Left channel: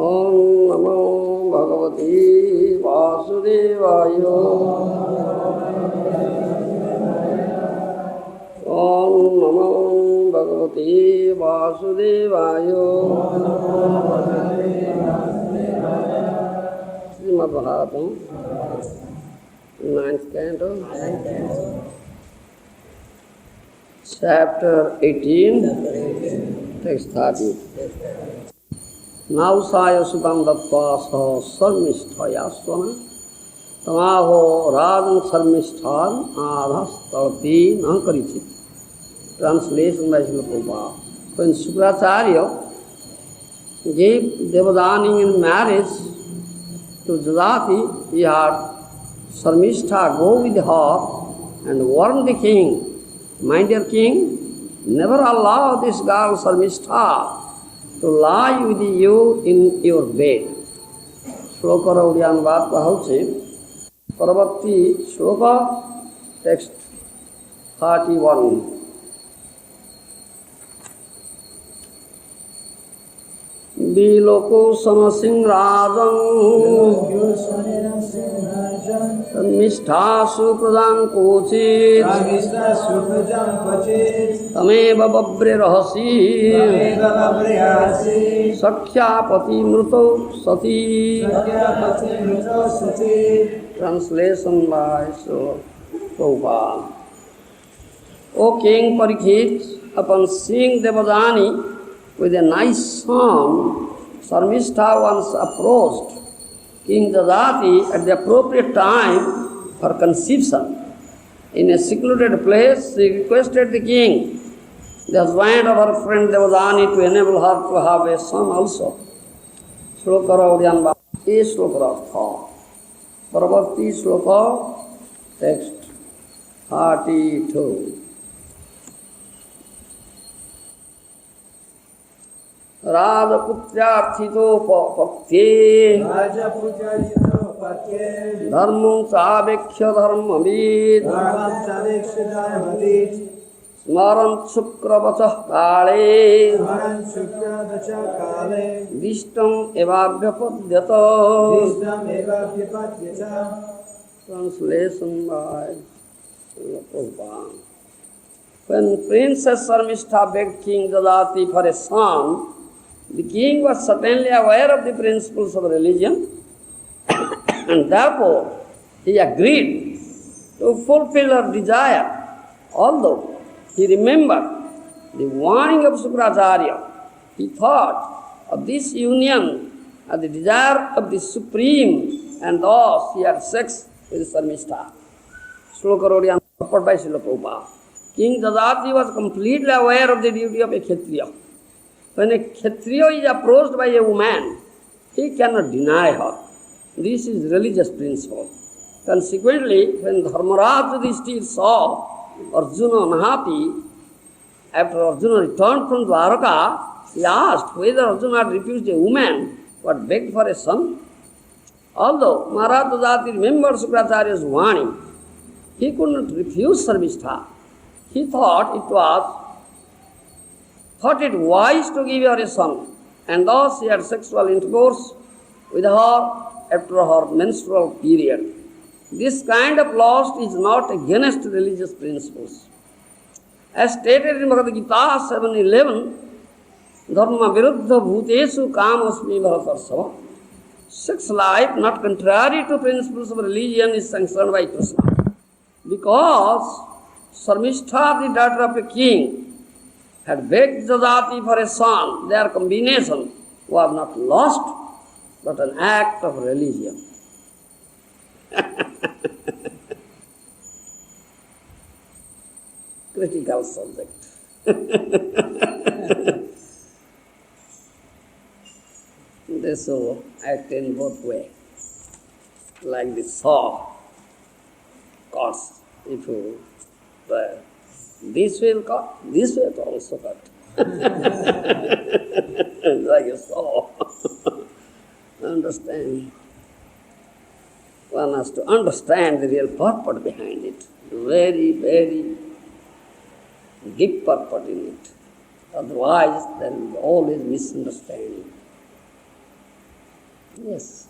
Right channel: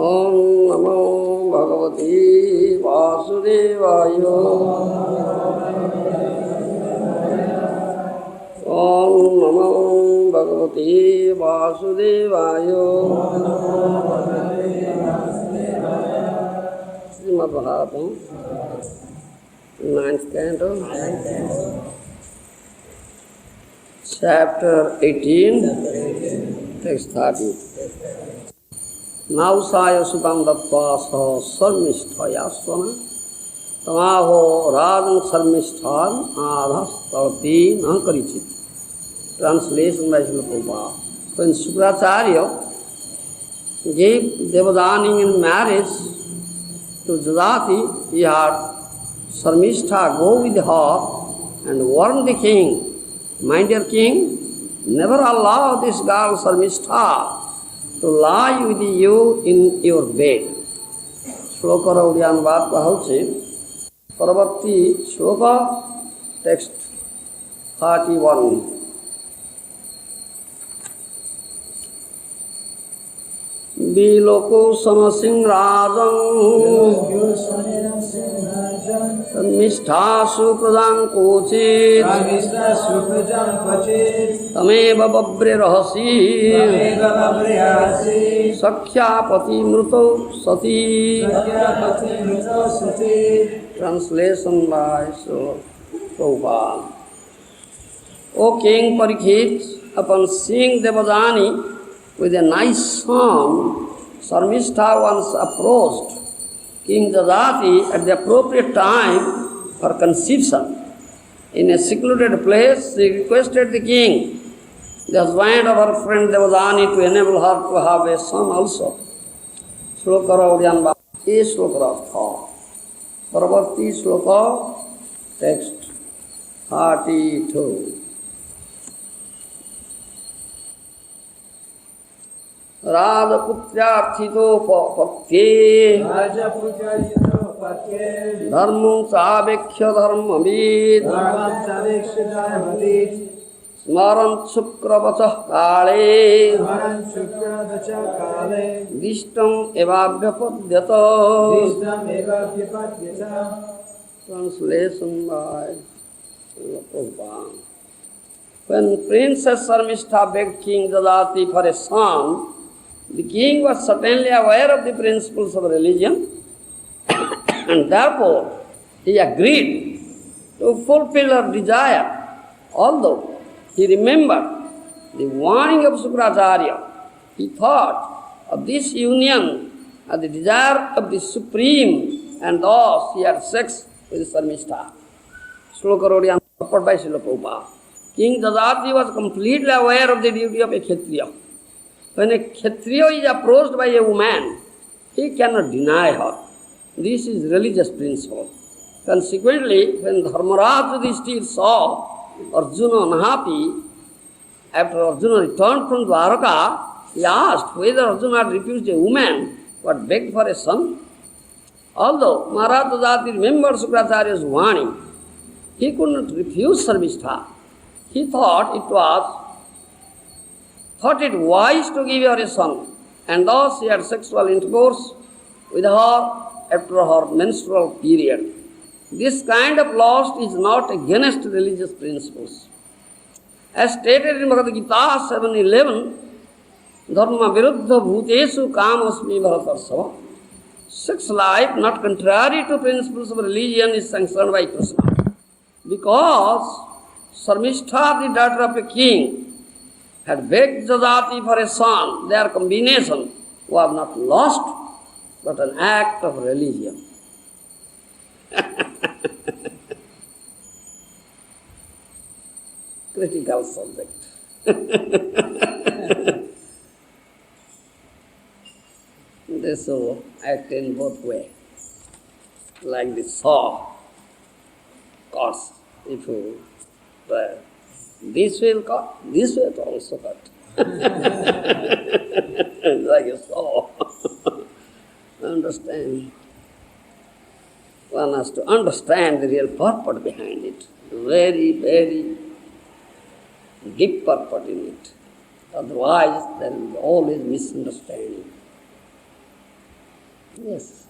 Om Namo Bhagavate Vasudevaya. Om Namo Bhagavate Vasudevaya. Srimad Bhagavatam, 9th canto, chapter 18, text 30. Nausaya Sutam Dattva Sa Śarmiṣṭhā Svana Tamaho Radhan Śarmiṣṭhān Adhas Tarti Nakarichit. Translation by Srila Prabhupada. When Śukracārya gave Devadani in marriage to Yayāti, he had Śarmiṣṭhā go with her and warn the king, "My dear king, never allow this girl Śarmiṣṭhā to lie with you in your bed." Shloka Oriya Anubad kahauche, Paravarti Shloka, text 31. Biloko Sanasim Rajam Śarmiṣṭhā Supradam Kochit Tameva Babbre Rahasi Sakhyapati Mruto Sati. Translation by Srila Prabhupada. O King Parikshit, upon seeing Devadani with a nice song, Śarmiṣṭhā once approached King Yayāti at the appropriate time for conception. In a secluded place, she requested the king, the husband of her friend Devadani, to enable her to have a son also. Shloka Oriya is Shloka Rastha. Paravarti Shloka, text 32. Radha putraರ್ಥितो पक्ते धर्मं चावेक्ष्य धर्मविद स्मरन् शुक्रवचः काले दिष्टम् एवाभ्यपद्यत. Translation by Prabhupada. When Princess Śarmiṣṭhā begged King Yayāti for a son, the king was certainly aware of the principles of religion and therefore he agreed to fulfill her desire, although he remembered the warning of Śukracārya. He thought of this union as the desire of the Supreme and thus he had sex with Śarmiṣṭhā. Shloka Oriya Anubad by Srila Prabhupada. King Yayāti was completely aware of the duty of a kṣatriya. When a kṣatriya is approached by a woman, he cannot deny her. This is religious principle. Consequently, when Dharmaraj Yudhishthira saw Arjuna unhappy, after Arjuna returned from Dwaraka, he asked whether Arjuna had refused a woman but begged for a son. Although Maharaj Yayāti remembered Śukracārya's warning, he could not refuse Śarmiṣṭhā. He thought it wise to give her a son, and thus he had sexual intercourse with her after her menstrual period. This kind of lust is not against religious principles. As stated in Bhagavad Gita 7:11, Dharma viruddha bhutesu kamasmi bharatarsava. Sex life, not contrary to principles of religion, is sanctioned by Kṛṣṇa. Because Śarmiṣṭhā, the daughter of a king, had begged Yayāti for a son, their combination was not lust, but an act of religion. Critical subject. They so act in both ways, like the saw cuts. If you try this way cut, this way also cut. Like a saw. Understand? One has to understand the real purport behind it. Very, very deep purport in it. Otherwise, there will be always misunderstanding. Yes.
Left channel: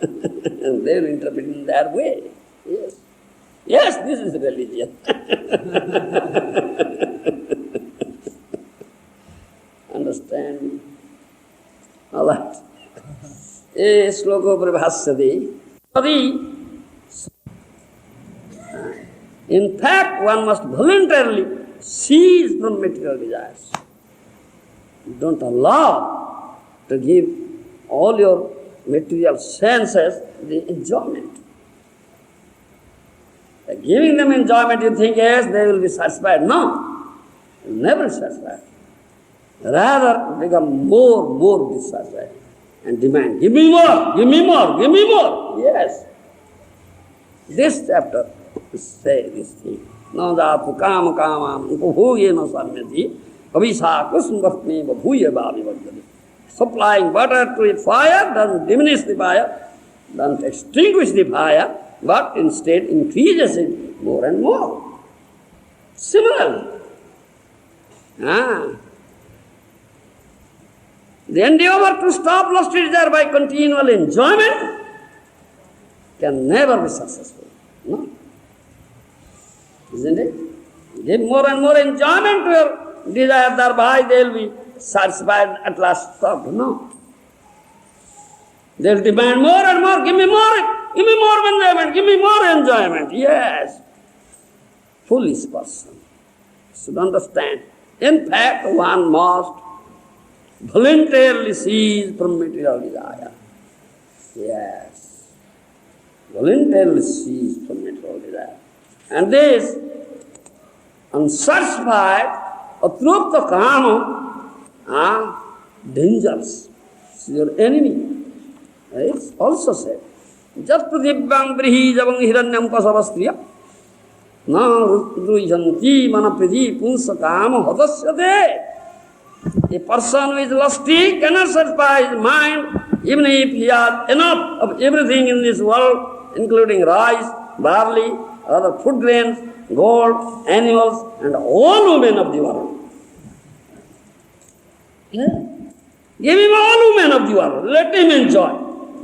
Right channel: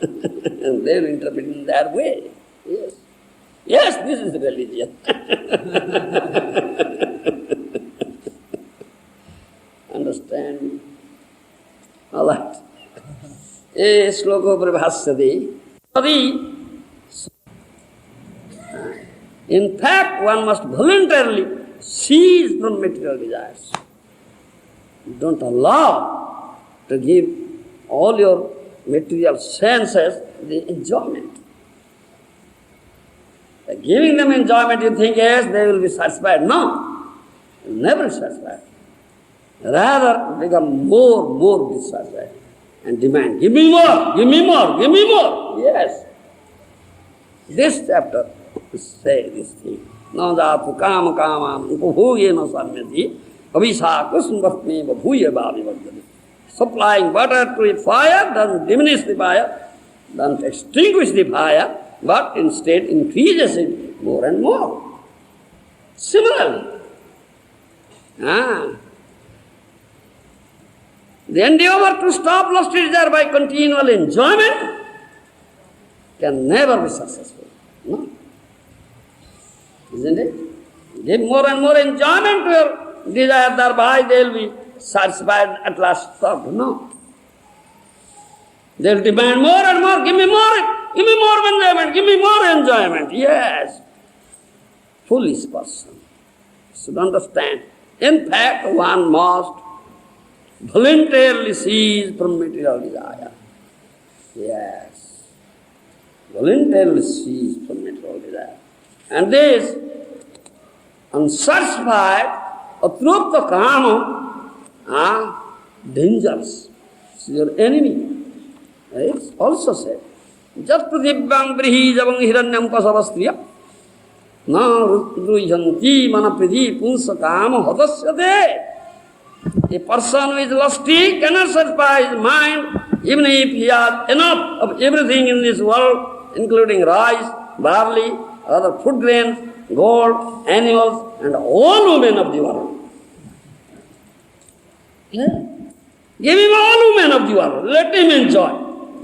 And they will interpret in that way. Yes. Yes, this is religion. Understand? All right. A sloko prabhasyati. In fact, one must voluntarily cease from material desires. Don't allow to give all your material senses the enjoyment. By giving them enjoyment, you think, yes, they will be satisfied. No, never be satisfied. Rather, become more dissatisfied and demand, give me more, give me more, give me more. Yes. This chapter say this thing. Nādātu kāma kāmām upabhūyena samyati avīsā kṛṣṇa bhūya bhāvi vajjati. Supplying water to a fire doesn't diminish the fire, doesn't extinguish the fire, but instead increases it more and more. Similarly, the endeavour to stop lusty desire by continual enjoyment can never be successful. No. Isn't it? Give more and more enjoyment to your desire, thereby they will be satisfied at last stop. No. They will demand more and more, give me more enjoyment, give me more enjoyment. Yes. Foolish person should understand. In fact, one must voluntarily cease from material desire. Yes. Voluntarily cease from material desire. And this unsatisfied atrupta kama, dangerous. It's your enemy. It's also said, Jat pratibhyam brihijavang hiranyam pasavastriya na rudrujanti manapriti punsa kama hadasyate. A person who is lusty cannot satisfy his mind even if he has enough of everything in this world, including rice, barley, other food grains, gold, animals, and all women of the world. Yeah. Give him all women of the world. Let him enjoy.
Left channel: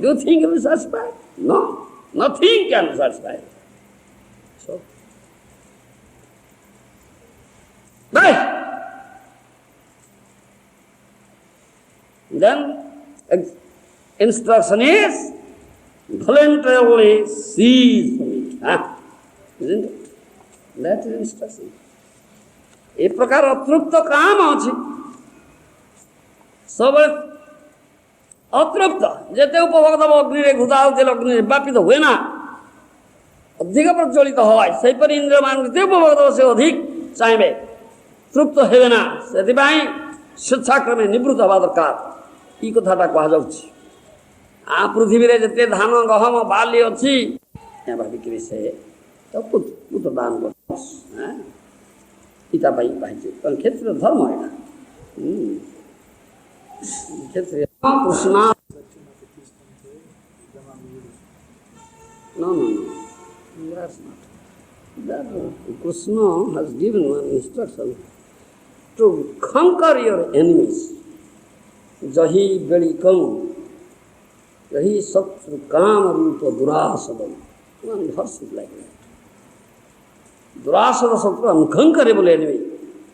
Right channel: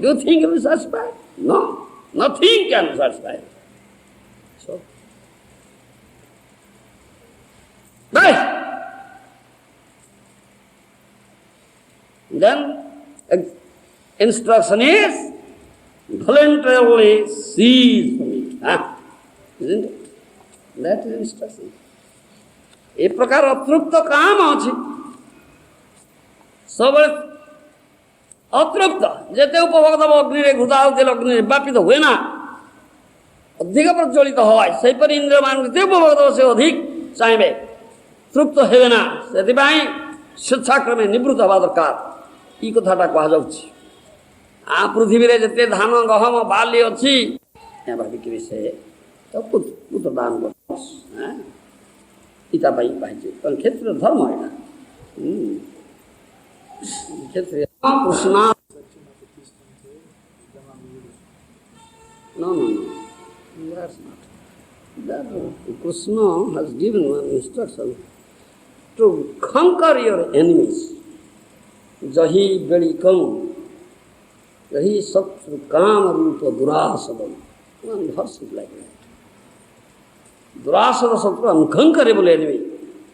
Do you think he will satisfy? No. Nothing can satisfy. So, right. Then, instruction is voluntarily cease from it. Isn't it? That is instruction. A prakar atrupta kama achi. Sabal atrupta. Jete upavagdava agnire ghudaltil agnire bapita हुए ना अधिक प्रज्वलित हवाई सही पर इंद्र मान के उपभोक्ता से अधिक चाहिए तृप्त है ना ସେଥିପାଇଁ ସ୍ୱଚ୍ଛାକ୍ରମେ ନିବୃତ୍ତ ହେବା ଦରକାର ई कथाटा कहुच्छी पृथ्वी जिते धान गहम बाली अच्छी भाविकी से तो पुत्र दान गीता क्षेत्रीय धर्म है क्षेत्रीय Krishna No. That's not. That Kṛṣṇa has given one instruction to conquer your enemies. Jahi Bedikam, Jahi Satru Kama Rupa Durāsadam. One verse is like that. Durāsada Satru, unconquerable enemy.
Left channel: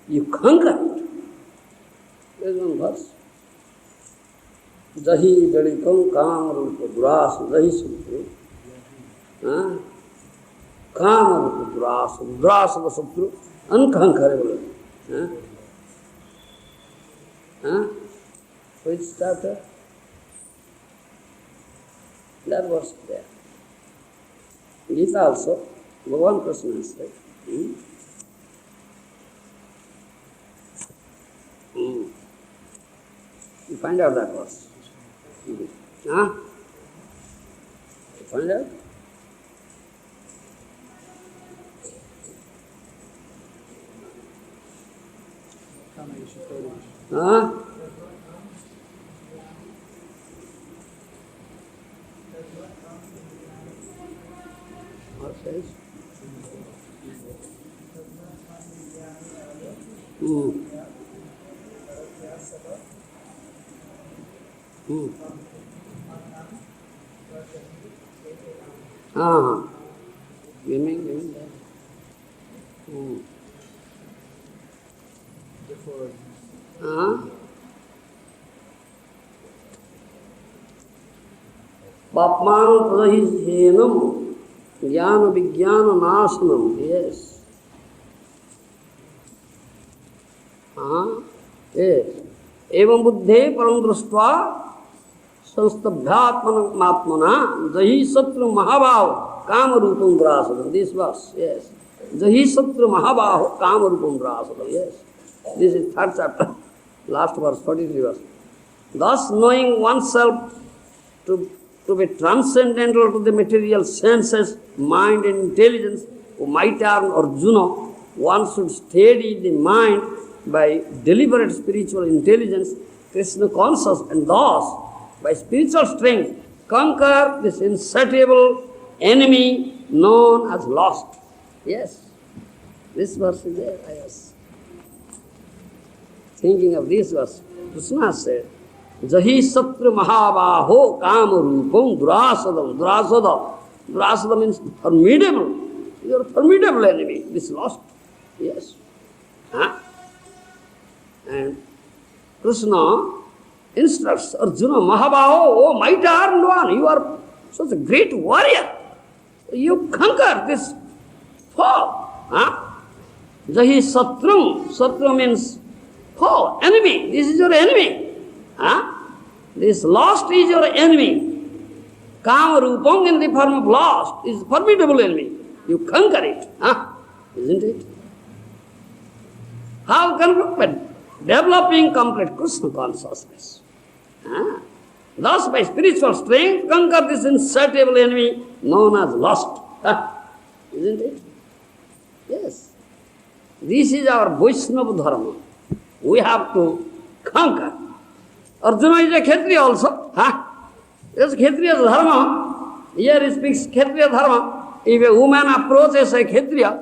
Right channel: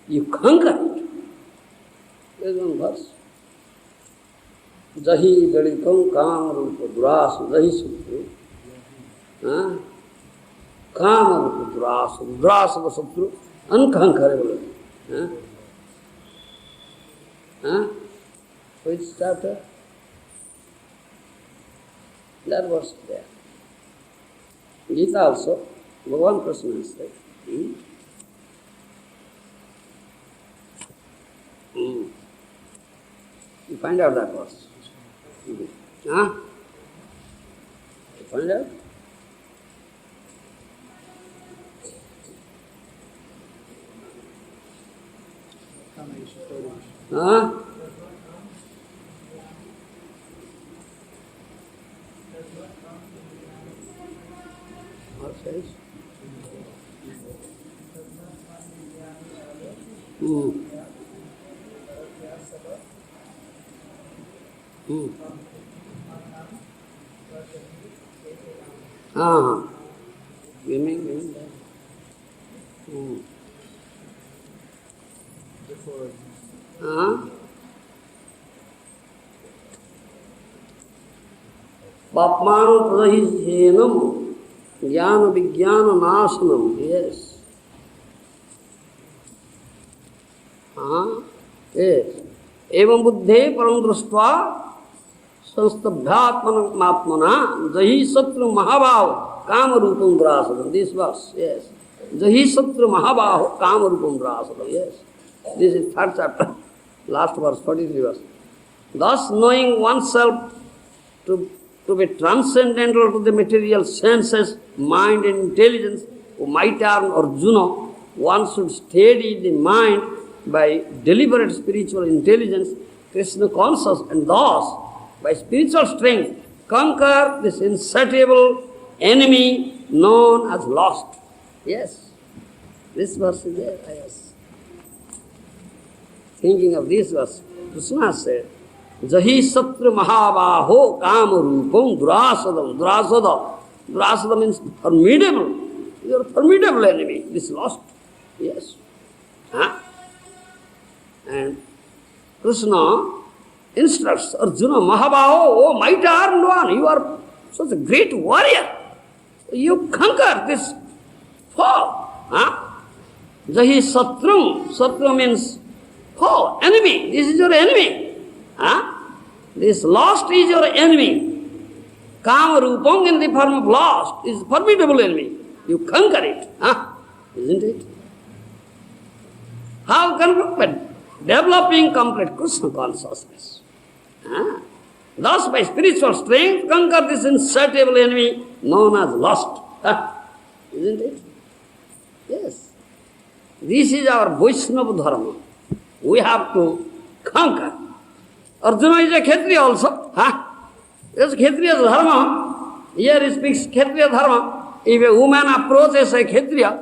You conquer it. There is one verse. Jahi Bedikam Kama Rupa Durāsadam. Jahi Satru. Kama Rupa Durāsadam. Durāsada Satru, unconquerable. Which chapter? That was there. Gita also, Bhagavan Kṛṣṇa said. You find out that verse. You find out? Women there. Papman prahihenam jnana vijnana nasanam. Yes. Yes. Evam buddhe param drashtva sanstambhyatmanatmana jahi satru mahabhav kamarupam gṛhastha. This verse, yes. Jahi satru mahabhav kamarupam gṛhastha. Yes. This is third chapter, last verse, 43 verse. Thus knowing oneself to be transcendental to the material senses, mind and intelligence, might arm Arjuna, one should steady the mind by deliberate spiritual intelligence, Krishna conscious, and thus, by spiritual strength, conquer this insatiable enemy known as lust. Yes, this verse is there. Yes. Thinking of this verse, Kṛṣṇa said, Jahi satru mahabaho kamarupam gṛhastha. Gṛhastha means formidable. You are a formidable enemy, this lust. Yes. And Kṛṣṇa instructs Arjuna, Mahabaho, oh mighty armed one, you are such a great warrior. You conquer this foe. Jahi satrum. Satru means foe, enemy. This is your enemy. This lust is your enemy. Kama rupam in the form of lust is formidable enemy. You conquer it. Isn't it? How can we? Developing complete Kṛṣṇa consciousness. Thus, by spiritual strength, conquer this insatiable enemy known as lust. Isn't it? Yes. This is our Vaisnava Dharma. We have to conquer. Arjuna is a kṣatriya also. This kṣatriya dharma. Here he speaks kṣatriya dharma. If a woman approaches a kṣatriya,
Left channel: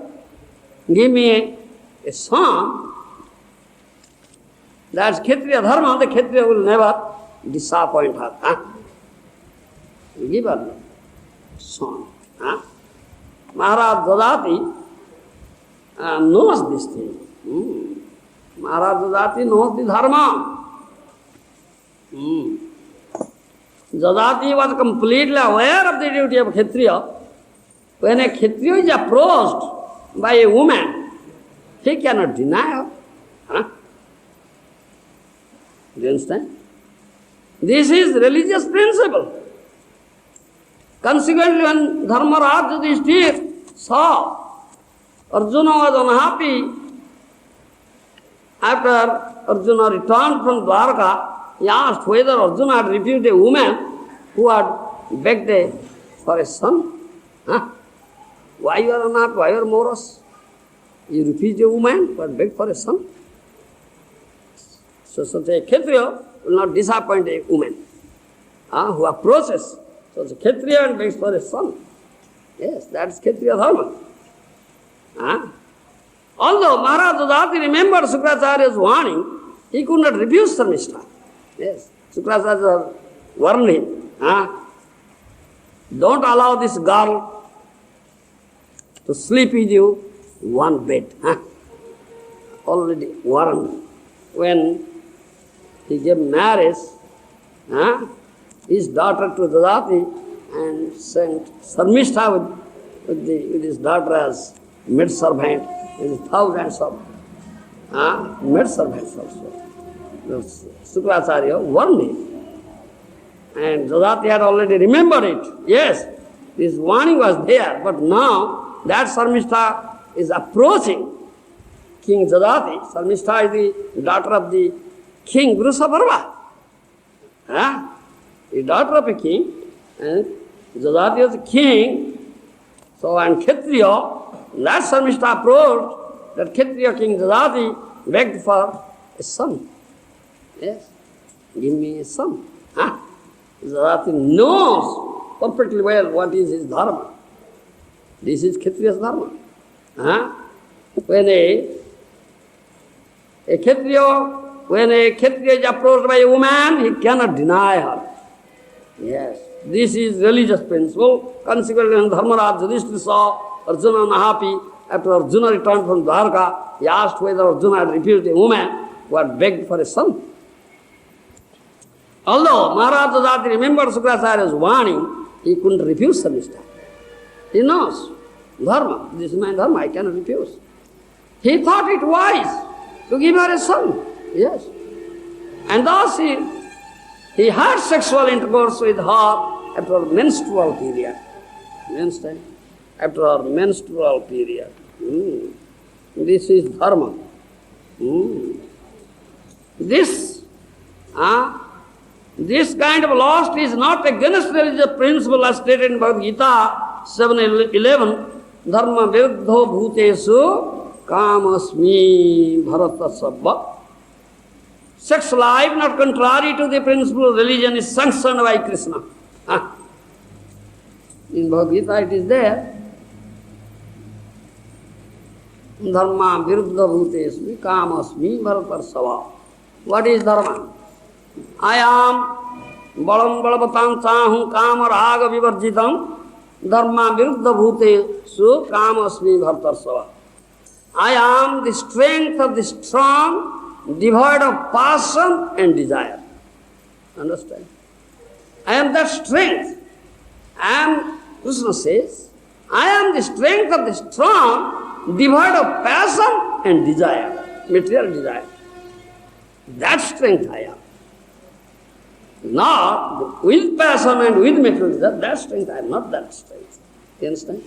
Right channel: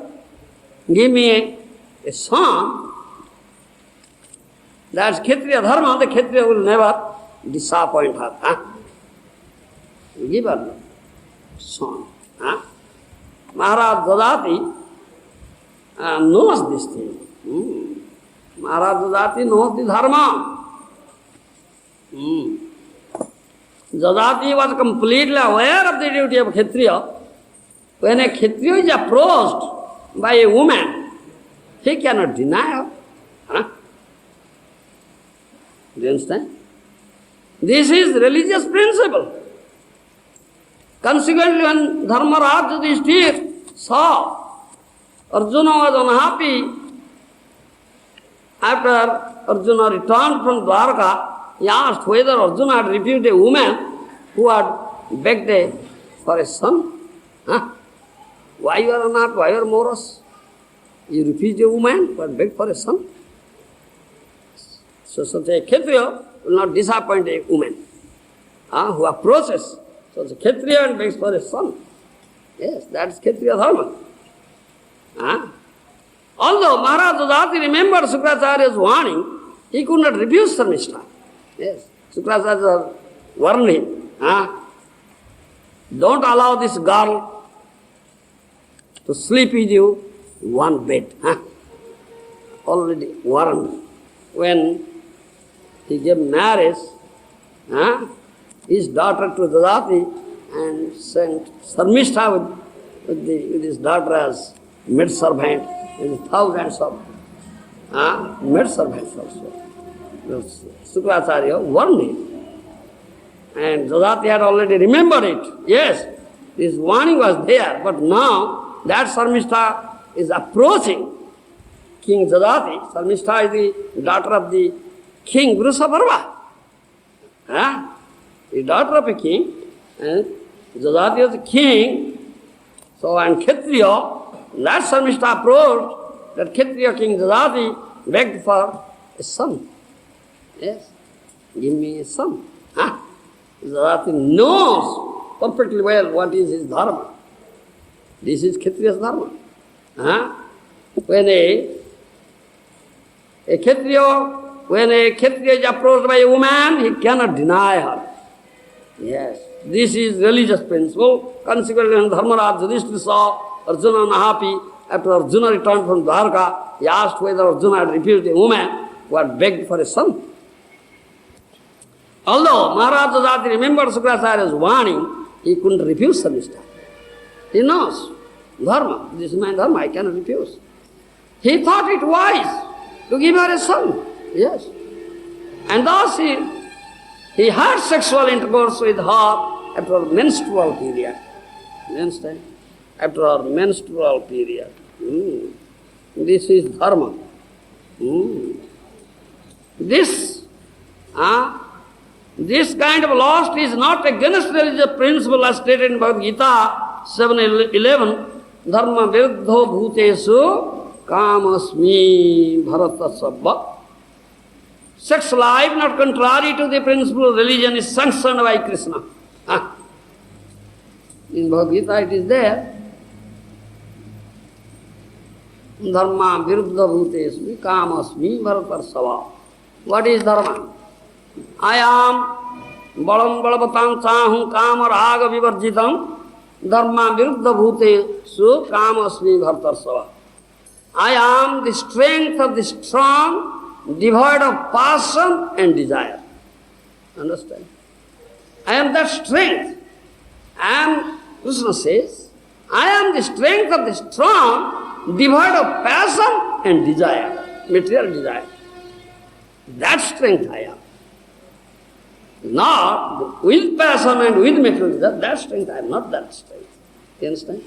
give me a son, that's kṣatriya dharma, the kṣatriya will never disappoint her. Give her son. Maharaj Yayāti knows this thing. Maharaj Yayāti knows the dharma. Yayāti was completely aware of the duty of kṣatriya. When a kṣatriya is approached by a woman, he cannot deny her. Do you understand? This is religious principle. Consequently, when Dharmaraj Yudhishthira saw Arjuna was unhappy, after Arjuna returned from Dwarka, he asked whether Arjuna had refused a woman who had begged for a son. Why you are not? Why you are morose? You refuse a woman who had begged for a son? So such a kṣatriya will not disappoint a woman who approaches such a kṣatriya and begs for a son. Yes, that's kṣatriya dharma. Although Maharaj Yayāti remembered Śukracārya's warning, he could not refuse Śarmiṣṭhā. Yes, Śukracārya warned him. Don't allow this girl to sleep with you one bed. Already warned. When he gave marriage, his daughter to Yayāti and sent Śarmiṣṭhā with his daughter as maid-servant, with thousands of maid-servants also. Śukracārya warned him. And Yayāti had already remembered it. Yes, this warning was there, but now that Śarmiṣṭhā is approaching King Yayāti. Śarmiṣṭhā is the daughter of the king Vruṣabharva. The daughter of a king, and Yayāti was a king. So, and kṣatriya, that Śarmiṣṭhā approached, that kṣatriya king Yayāti begged for a son. Yes, give me a son. Yayāti knows perfectly well what is his dharma. This is kṣatriya's dharma. When a kṣatriya is approached by a woman, he cannot deny her. Yes. This is religious principle. Consequently, when Dharmaraj Yudhishthira saw Arjuna unhappy, after Arjuna returned from Dwarka, he asked whether Arjuna had refused a woman who had begged for a son. Although Maharaj Yayāti remembered Shukracharya's warning, he couldn't refuse Śarmiṣṭhā. He knows Dharma. This is my Dharma, I cannot refuse. He thought it wise to give her a son. Yes. And thus he had sexual intercourse with her after her menstrual period. You understand? After her menstrual period. This is Dharma. This kind of lust is not against religious principle as stated in Bhagavad Gita 7:11. Dharma viruddho bhutesu kamasmi bharata sabba. Sex life not contrary to the principle of religion is sanctioned by Kṛṣṇa. In Bhagavad Gita it is there. Dharma viruddha bhutesmi kamasmi bharatarsava. What is dharma? I am balam balavatam chahum kama raga vivarjitam dharma viruddha bhutesu kamasmi bharatarsava. I am the strength of the strong, devoid of passion and desire. Understand? I am that strength. Kṛṣṇa says, I am the strength of the strong, devoid of passion and desire, material desire. That strength I am. Not with passion and with material desire, that strength I am, not that strength. You understand?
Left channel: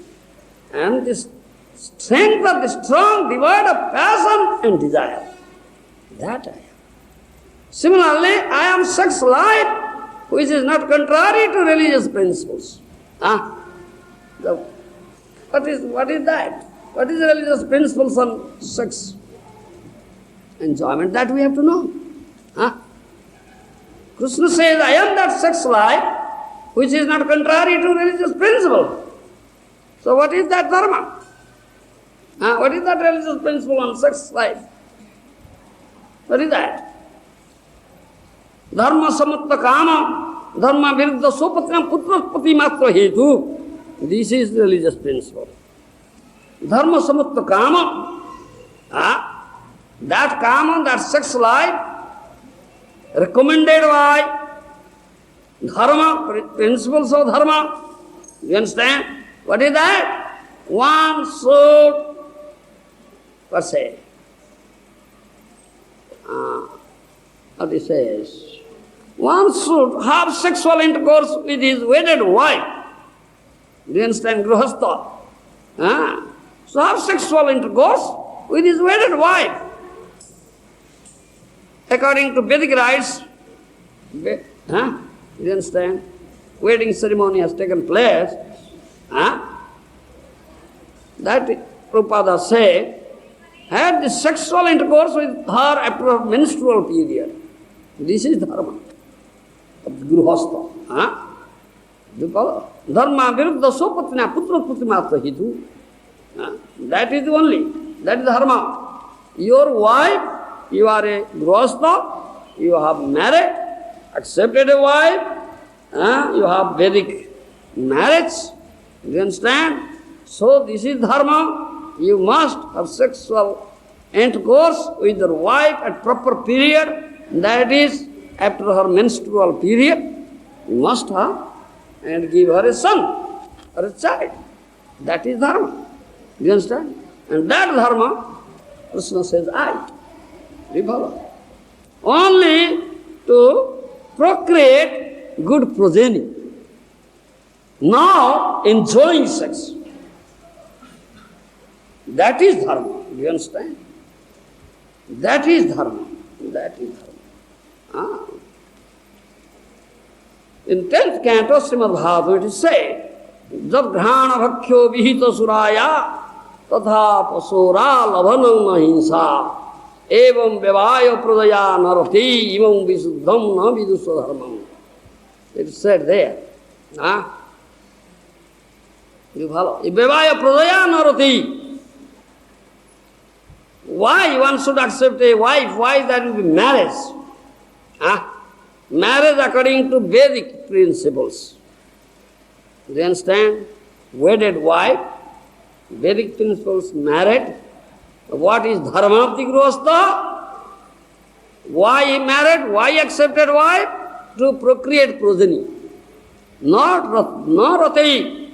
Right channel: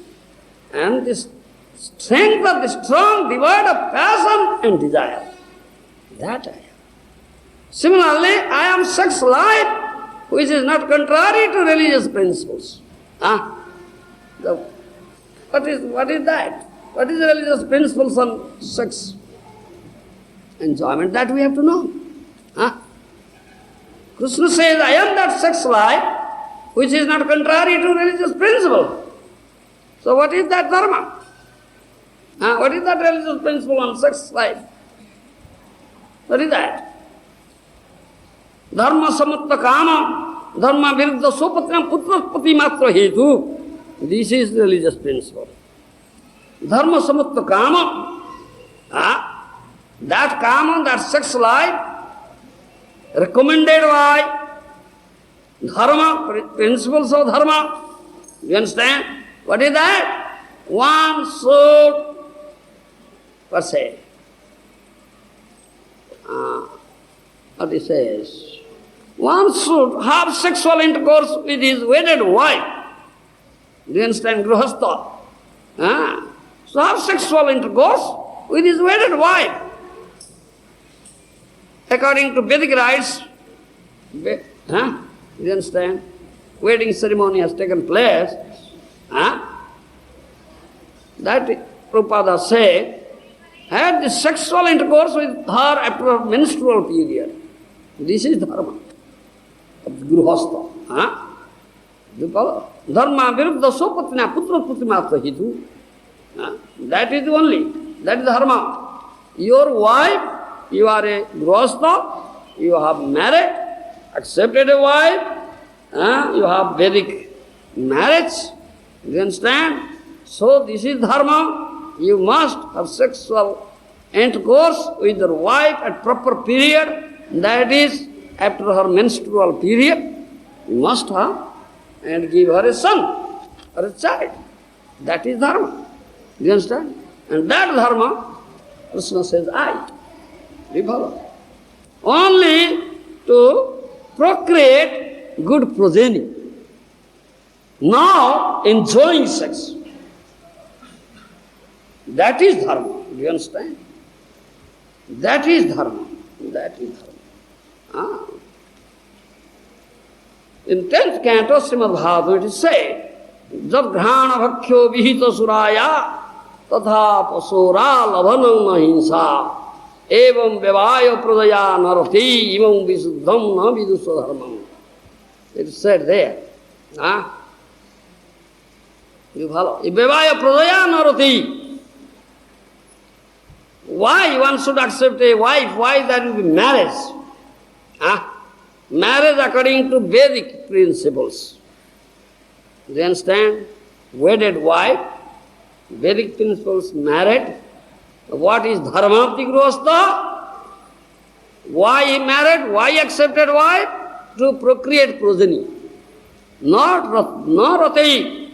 And this strength of the strong, devoid of passion and desire. That I am. Similarly, I am sex life, which is not contrary to religious principles. What is that? What is the religious principles on sex enjoyment? That we have to know. Kṛṣṇa says, I am that sex life, which is not contrary to religious principle. So what is that dharma? What is that religious principle on sex life? What is that? Dharma samutta kama, dharma viruddha sopatnam putraspati matra hetu. This is the religious principle. Dharma samutta kama, that kama, that sex life, recommended by dharma, principles of dharma. You understand? What is that? One should, what say? What he says? One should have sexual intercourse with his wedded wife. Do you understand? Gṛhastha. So have sexual intercourse with his wedded wife. According to Vedic rites, you understand? Wedding ceremony has taken place. That Prabhupada said, had the sexual intercourse with her after her menstrual period. This is dharma of gṛhastha. Dharma viruddha sopatna putraspati matra hitu. That is the dharma. Your wife, you are a gṛhastha, you have married, accepted a wife, you have Vedic marriage. You understand? So this is dharma. You must have sexual intercourse with your wife at proper period, that is after her menstrual period. You must have and give her a son or a child. That is dharma. Do you understand? And that dharma, Kṛṣṇa says, we follow. Only to procreate good progeny. Now enjoying sex. That is dharma. Do you understand? That is dharma. That is dharma. In 10th canto, Srimad Bhagavatam, it is said, Jab gṛhāna bhakkhyo vihita surāya tatha pasora labhanam nahinsa evam vyavāya pradaya narati imam visuddham na vidusva dharmam. It is said there. You follow? Vyavāya pradaya narati. Why one should accept a wife? Why that will be marriage? Marriage according to Vedic principles. Do you understand? Wedded wife, Vedic principles married. What is dharma of the gṛhastha? Why he married? Why accepted wife? To procreate progeny. Not rati.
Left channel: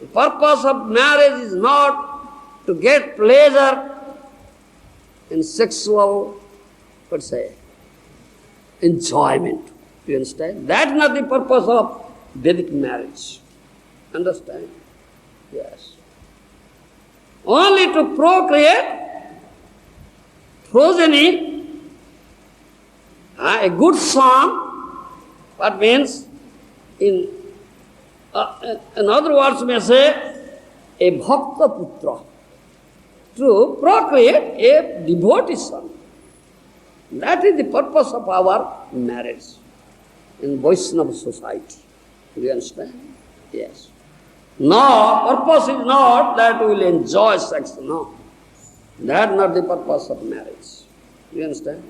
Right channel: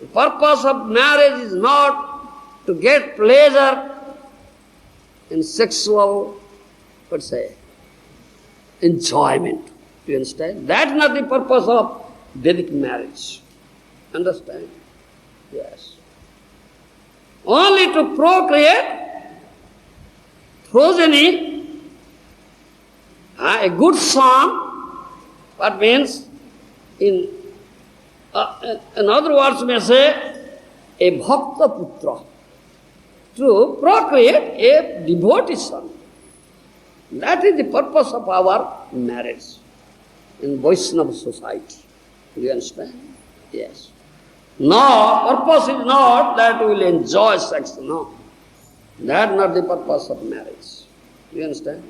The purpose of marriage is not to get pleasure in sexual, enjoyment. You understand? That's not the purpose of Vedic marriage. Understand? Yes. Only to procreate progeny, a good son. What means? In other words, may say, a bhakta putra. To procreate a devotee son. That is the purpose of our marriage in Vaisnava society. Do you understand? Yes. No, purpose is not that we will enjoy sex. No. That is not the purpose of marriage. Do you understand?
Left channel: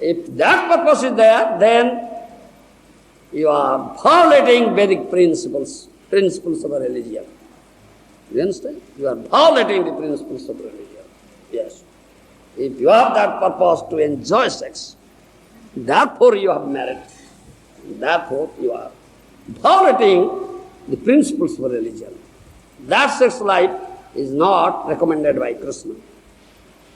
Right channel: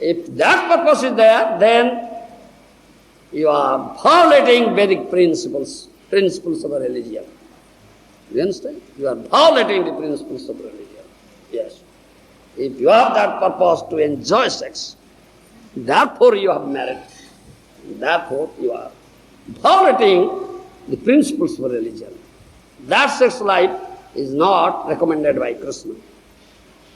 If that purpose is there, then you are violating Vedic principles of a religion. You understand? You are violating the principles of religion. Yes. If you have that purpose to enjoy sex, therefore you have married. Therefore you are violating the principles of religion. That sex life is not recommended by Kṛṣṇa.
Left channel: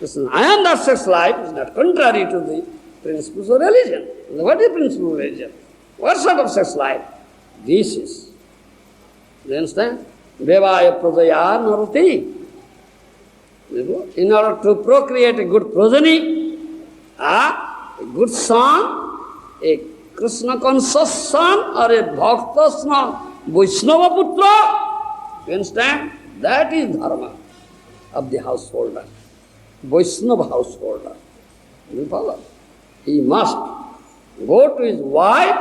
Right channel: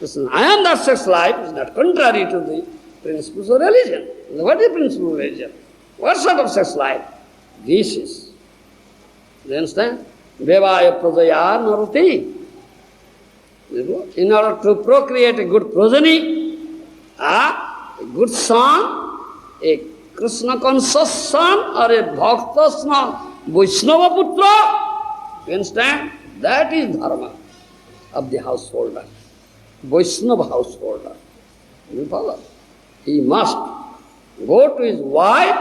And that sex life is not contrary to the principles of religion. What is the principle of religion? What sort of sex life? This is. Do you understand? Devaya prajaya narati. In order to procreate a good progeny, a good son, a Kṛṣṇa conscious son, or a bhakta son, Vaiṣṇava putra, you understand? That is dharma of the householder, Vaiṣṇava householder. You follow? He must go to his wife,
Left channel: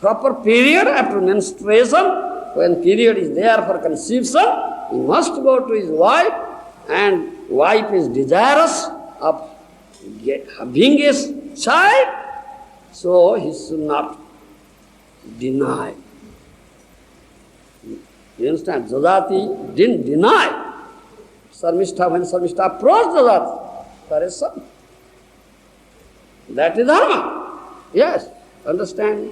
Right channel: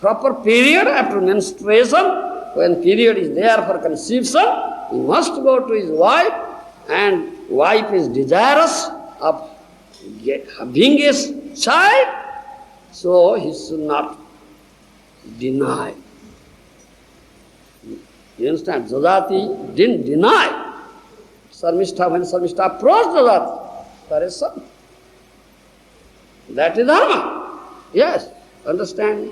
proper period after menstruation. When period is there for conception, he must go to his wife, and wife is desirous of having his child, so he should not deny. You understand? Yayāti didn't deny. Śarmiṣṭhā, when Śarmiṣṭhā approached Yayāti for his son. That is dharma. Yes, understand?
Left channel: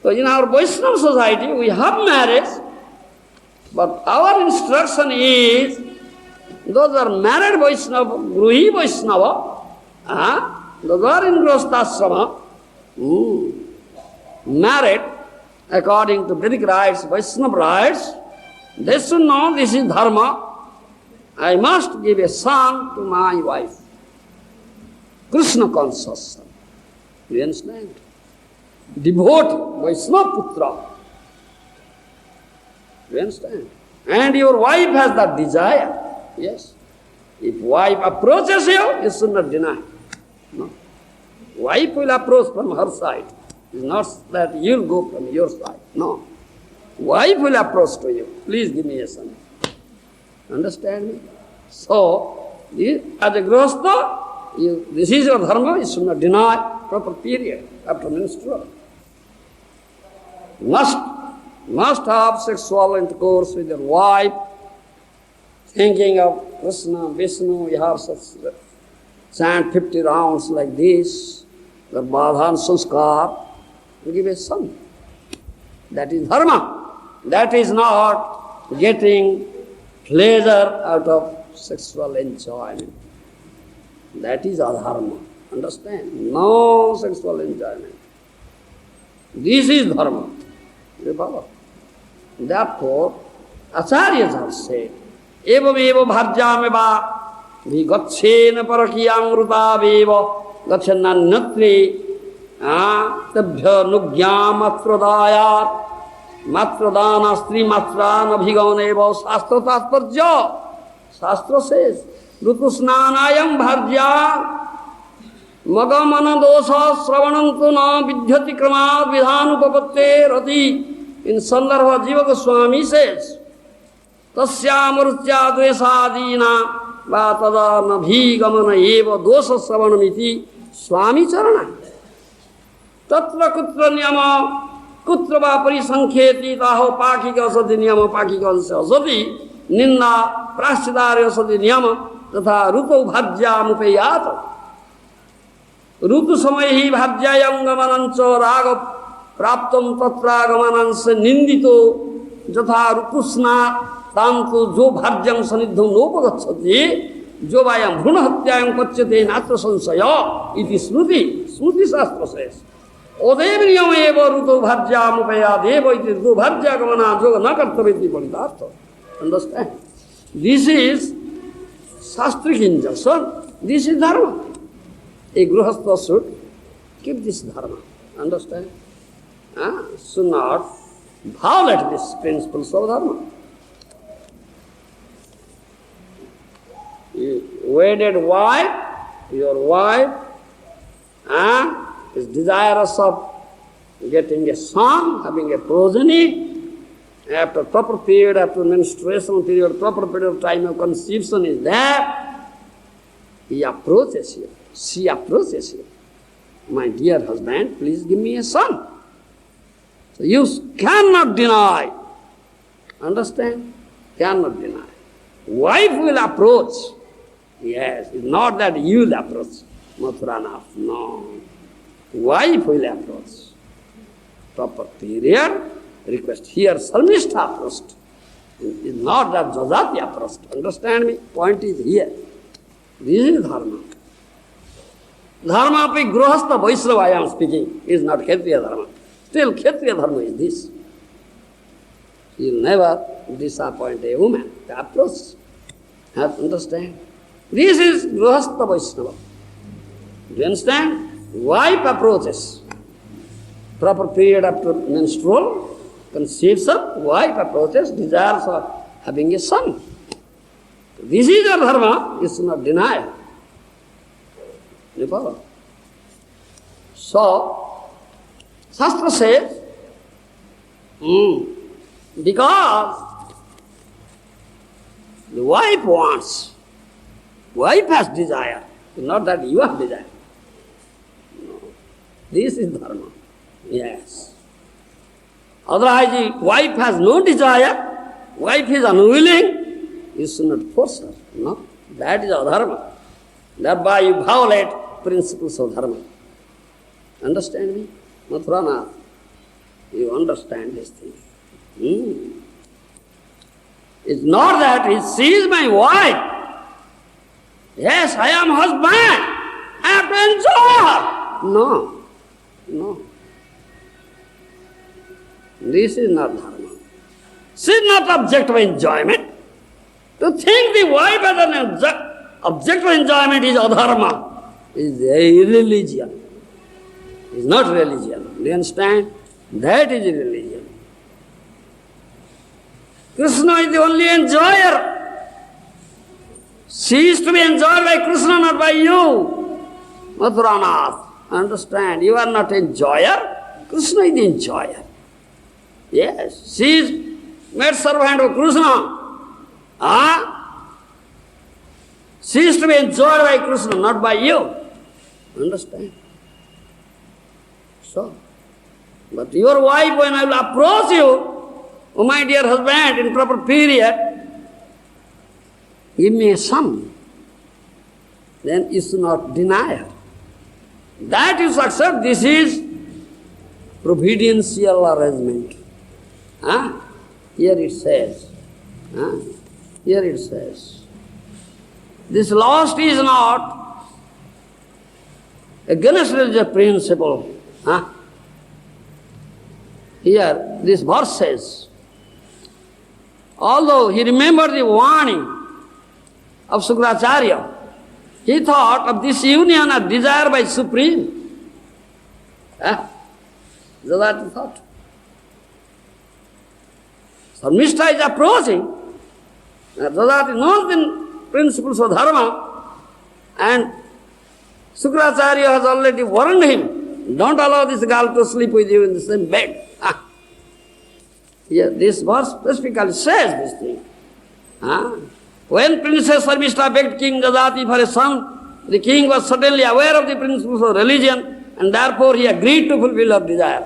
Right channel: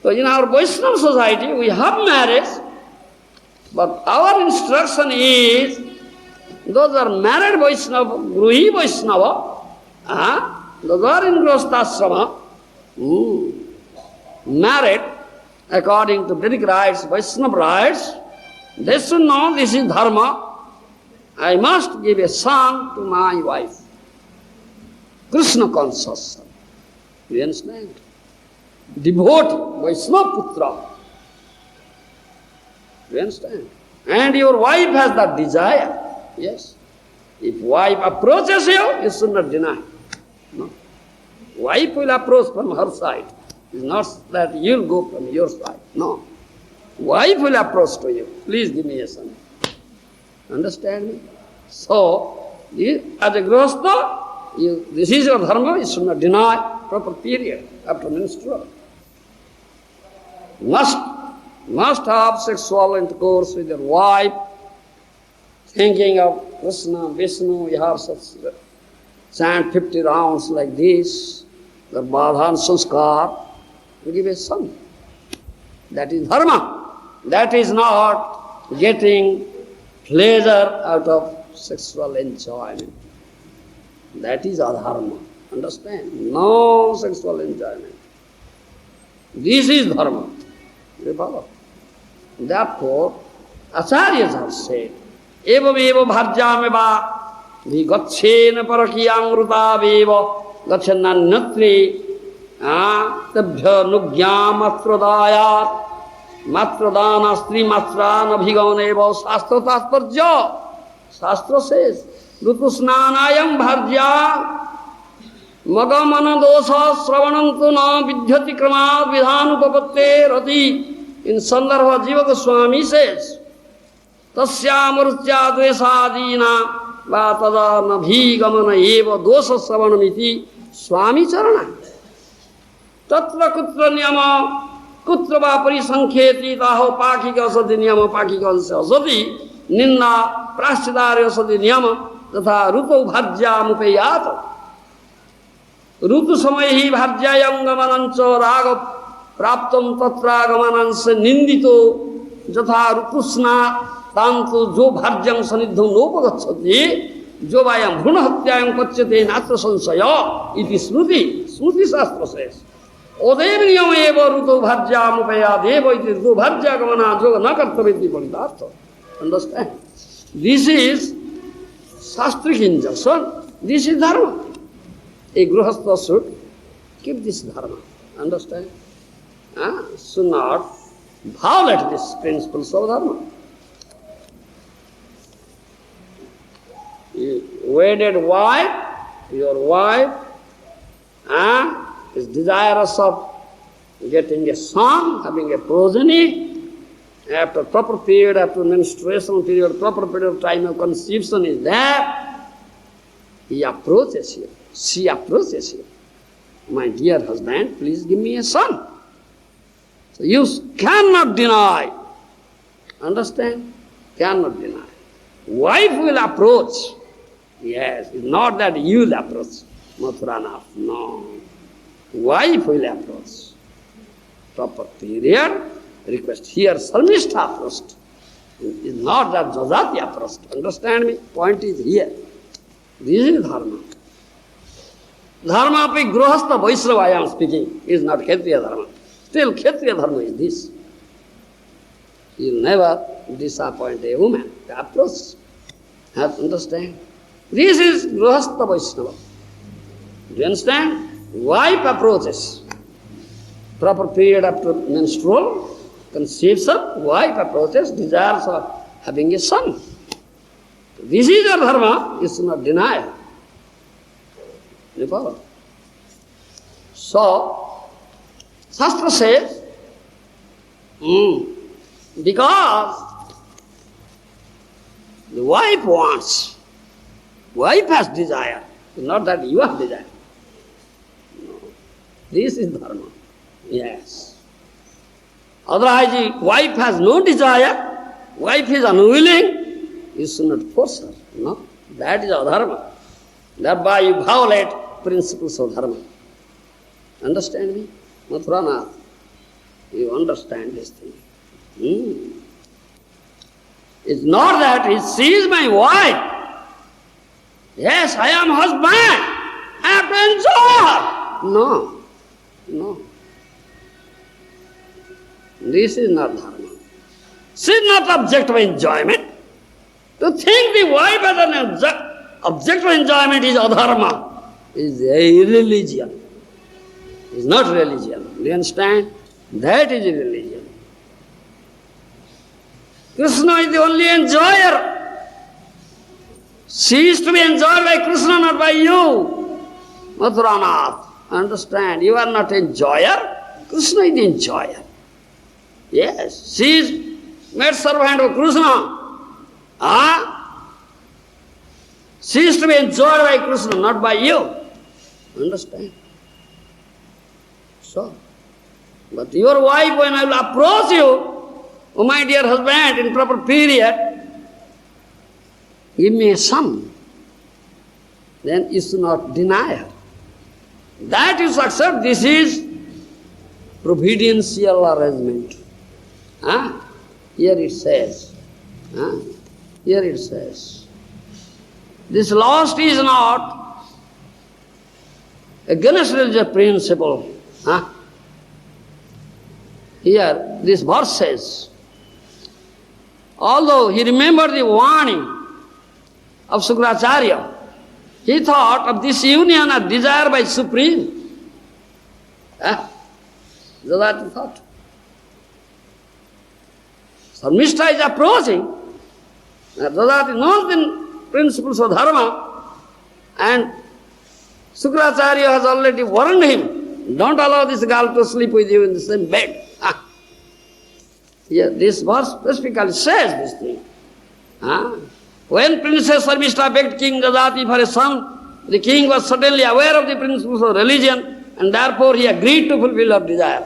So in our Vaishnava society, we have marriage, but our instruction is, those are married Vaishnava, Gruhi Vaishnava, those are in gṛhastha married according to Vedic rites, Vaishnava rites, they should know this is dharma. I must give a son to my wife. Kṛṣṇa conscious son. Do you understand? Devotee, Vaisnava putra. Do you understand? And your wife has that desire. Yes. If wife approaches you, you should not deny. No. Wife will approach from her side. It's not that you'll go from your side. No. Wife will approach to you. Please give me a son. Understand me? So, as a gṛhastha, this is your dharma, you should not deny proper period after menstrual. Must have sexual intercourse with your wife, thinking of Kṛṣṇa, Vishnu, you have such chant 50 rounds like this, the Bādhāna Sanskar, to give a son. That is dharma. That is not getting pleasure out of sexual enjoyment. That is adharma. Understand? No sexual enjoyment. This is dharma. You follow? Therefore, acharyas have said, evam eva bharjameva vigacchena parakiyamrutaveva gachanannatri tabhya nugyam matradayat matradana stri matrana bhigavaneva shastra tatparja. Shastra says, rutusnanayam bharja magamana dosa sravanantu na vidhyati kramat vidhanupapatte rati. In Sandarbha Jiva Goswami says, tasya murtya dvesadina vatada nabhigamana eva dosa sravanamiti swami charana. Tatra kutra niyama kutra va parisankheti taho pakika asati niyama pakika asati ninna prashchidari asati niyama तथा ऋतु भाज्यामुपेयात ऋतु समय ही भाज्यायंगमनंच राग प्राप्तम तत्रागमनंच निंदितो यथा ऋतुस्ना तांतु जो भाज्यं सनिद्धं नोपगच्छति जो वायं भ्रूण हत्यायं पच्यते नात्र संशय इति स्मृति स्मृति शास्त्र says ओदेव नियम एव ऋतु भाज्यामुपेयात एव इति ऋतु भाज्यागमना जो न कर्तव्यति परितार्थ understand this is Shastric injunction. This is dharma. A gṛhastha should keep this dharma. Understand? Should not violate these principles of dharma. Wedded wife, your wife is desirous of getting a son, having a progeny. After proper period, after menstruation period, proper period of time of conception is there, he approaches you, she approaches you. My dear husband, please give me a son. So you cannot deny. Understand? Cannot deny. Wife will approach. Yes, it's not that you will approach. Mathuranath, no. Wife will approach. Proper period. Request. Here, Śarmiṣṭhā approached. It's not that Yayāti approached. Understand me? Point is here. This is dharma. Dharma pe gṛhastha Vaiṣṇava I am speaking is not kṣatriya dharma. Still kṣatriya dharma is this. You will never disappoint a woman. The approach. Have to understand? This is gṛhastha Vaiṣṇava. Do you understand? Wife approaches. Proper period after menstrual. Conception, wife approaches, desires of having a son. This is your dharma, you should not deny. So, Shastra says, because the wife wants, wife has desire, not that you have desire. No. This is dharma. Yes. Otherwise, wife has no desire, wife is unwilling, you should not force her. No, that is adharma. Thereby you violate principles of dharma. Understand me? Mathuranath, you understand this thing. It's not that she is my wife. Yes, I am husband. I have to enjoy her. No, no. This is not dharma. She is not object of enjoyment. To think the wife as an object of enjoyment is adharma, is irreligion. It is not religion. Do you understand? That is religion. Kṛṣṇa is the only enjoyer. She is to be enjoyed by Kṛṣṇa, not by you. Mathuranath, understand? You are not enjoyer. Kṛṣṇa is the enjoyer. Yes, she is made servant of Kṛṣṇa. She is to be enjoyed by Kṛṣṇa, not by you. Understand? So, but your wife, when I will approach you, oh my dear husband, in proper period, give me a son, then you should not deny her. That you should accept, this is providential arrangement. Here it says, this lust is not against religious principle. Here, this verse says, although he remembered the warning of Śukracārya, he thought of this union as desired by Supreme. Yayāti thought. Śarmiṣṭhā is approaching. Yayāti knows the principles of dharma, and Śukracārya has already warned him, don't allow this girl to sleep with you in the same bed. Here, this verse specifically says this thing. When Princess Śarmiṣṭhā begged King Yayāti for a son, the king was suddenly aware of the principles of religion, and therefore he agreed to fulfill her desire.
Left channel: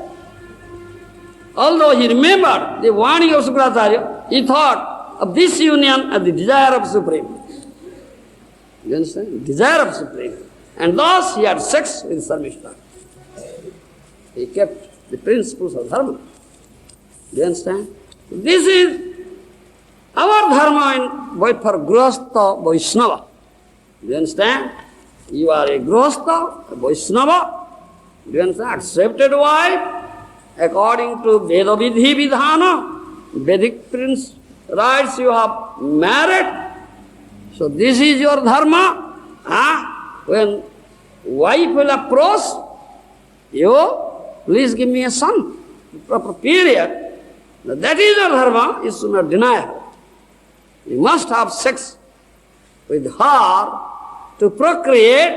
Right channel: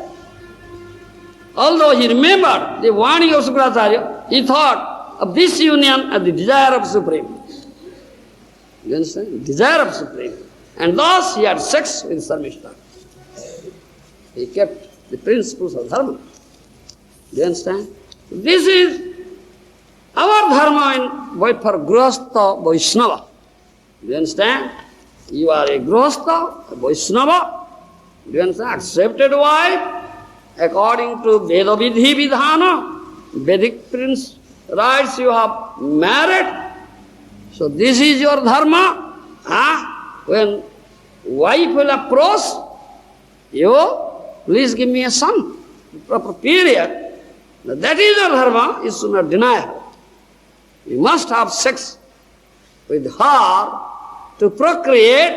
Although he remembered the warning of Śukrācārya, he thought of this union as the desire of Supreme. You understand? Desire of Supreme. And thus he had sex with Śarmiṣṭhā. He kept the principles of Dharma. You understand? This is our Dharma for gṛhastha, Vaiṣṇava. You understand? You are a gṛhastha, a Vaiṣṇava. You understand? Accepted wife according to Veda Vidhi Vidhana, Vedic prince rights you have married. So this is your Dharma. When wife will approach you, please give me a son, proper period. Now that is your Dharma, you should not deny her. You must have sex with her to procreate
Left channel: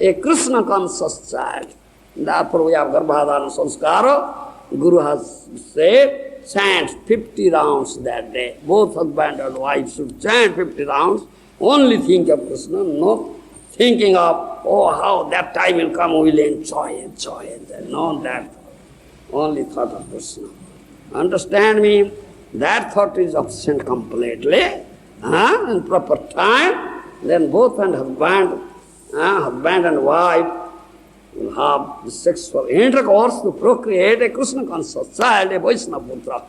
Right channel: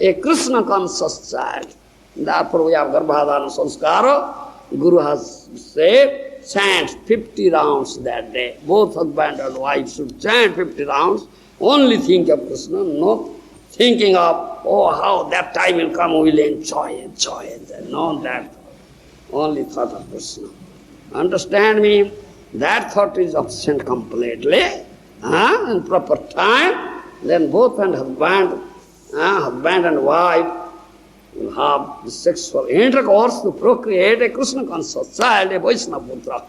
a Kṛṣṇa conscious child. Therefore we have Garbhadhana Sanskara. Guru has said, chant 50 rounds that day. Both husband and wife should chant 50 rounds. Only think of Kṛṣṇa, not thinking of, how that time will come, we will enjoy. No, that. Only thought of Kṛṣṇa. Understand me? That thought is absent completely. In proper time, then both husband and wife will have the sexual intercourse to procreate a Kṛṣṇa conscious child, a Vaiṣṇava putra.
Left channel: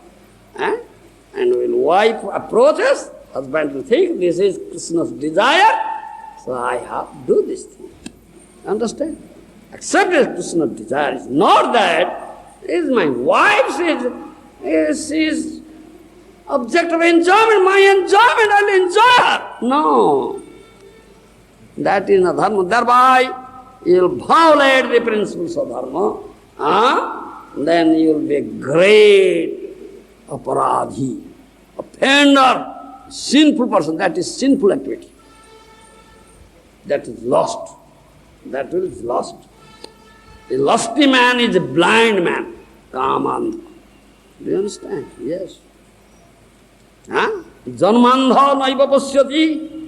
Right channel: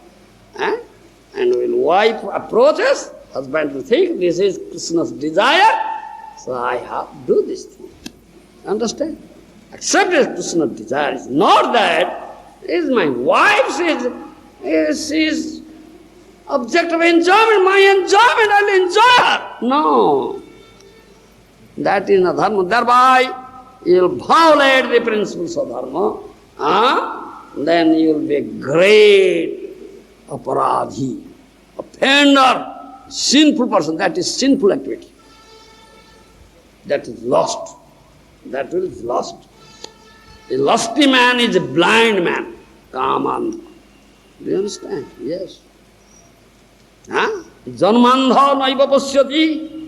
And when wife approaches, husband will think this is Kṛṣṇa's desire, so I have to do this thing. Understand? Accept this Kṛṣṇa's desire. It's not that is my wife, she is object of enjoyment, my enjoyment, I will enjoy her. No. That is not Dharma. Thereby, you will violate the principles of Dharma, then you will be a great aparadhi, offender, sinful person. That is sinful activity. That is lost. That is lost. A lusty man is a blind man. Kaman. Do you understand? Yes. Janmandha naiva pasyati.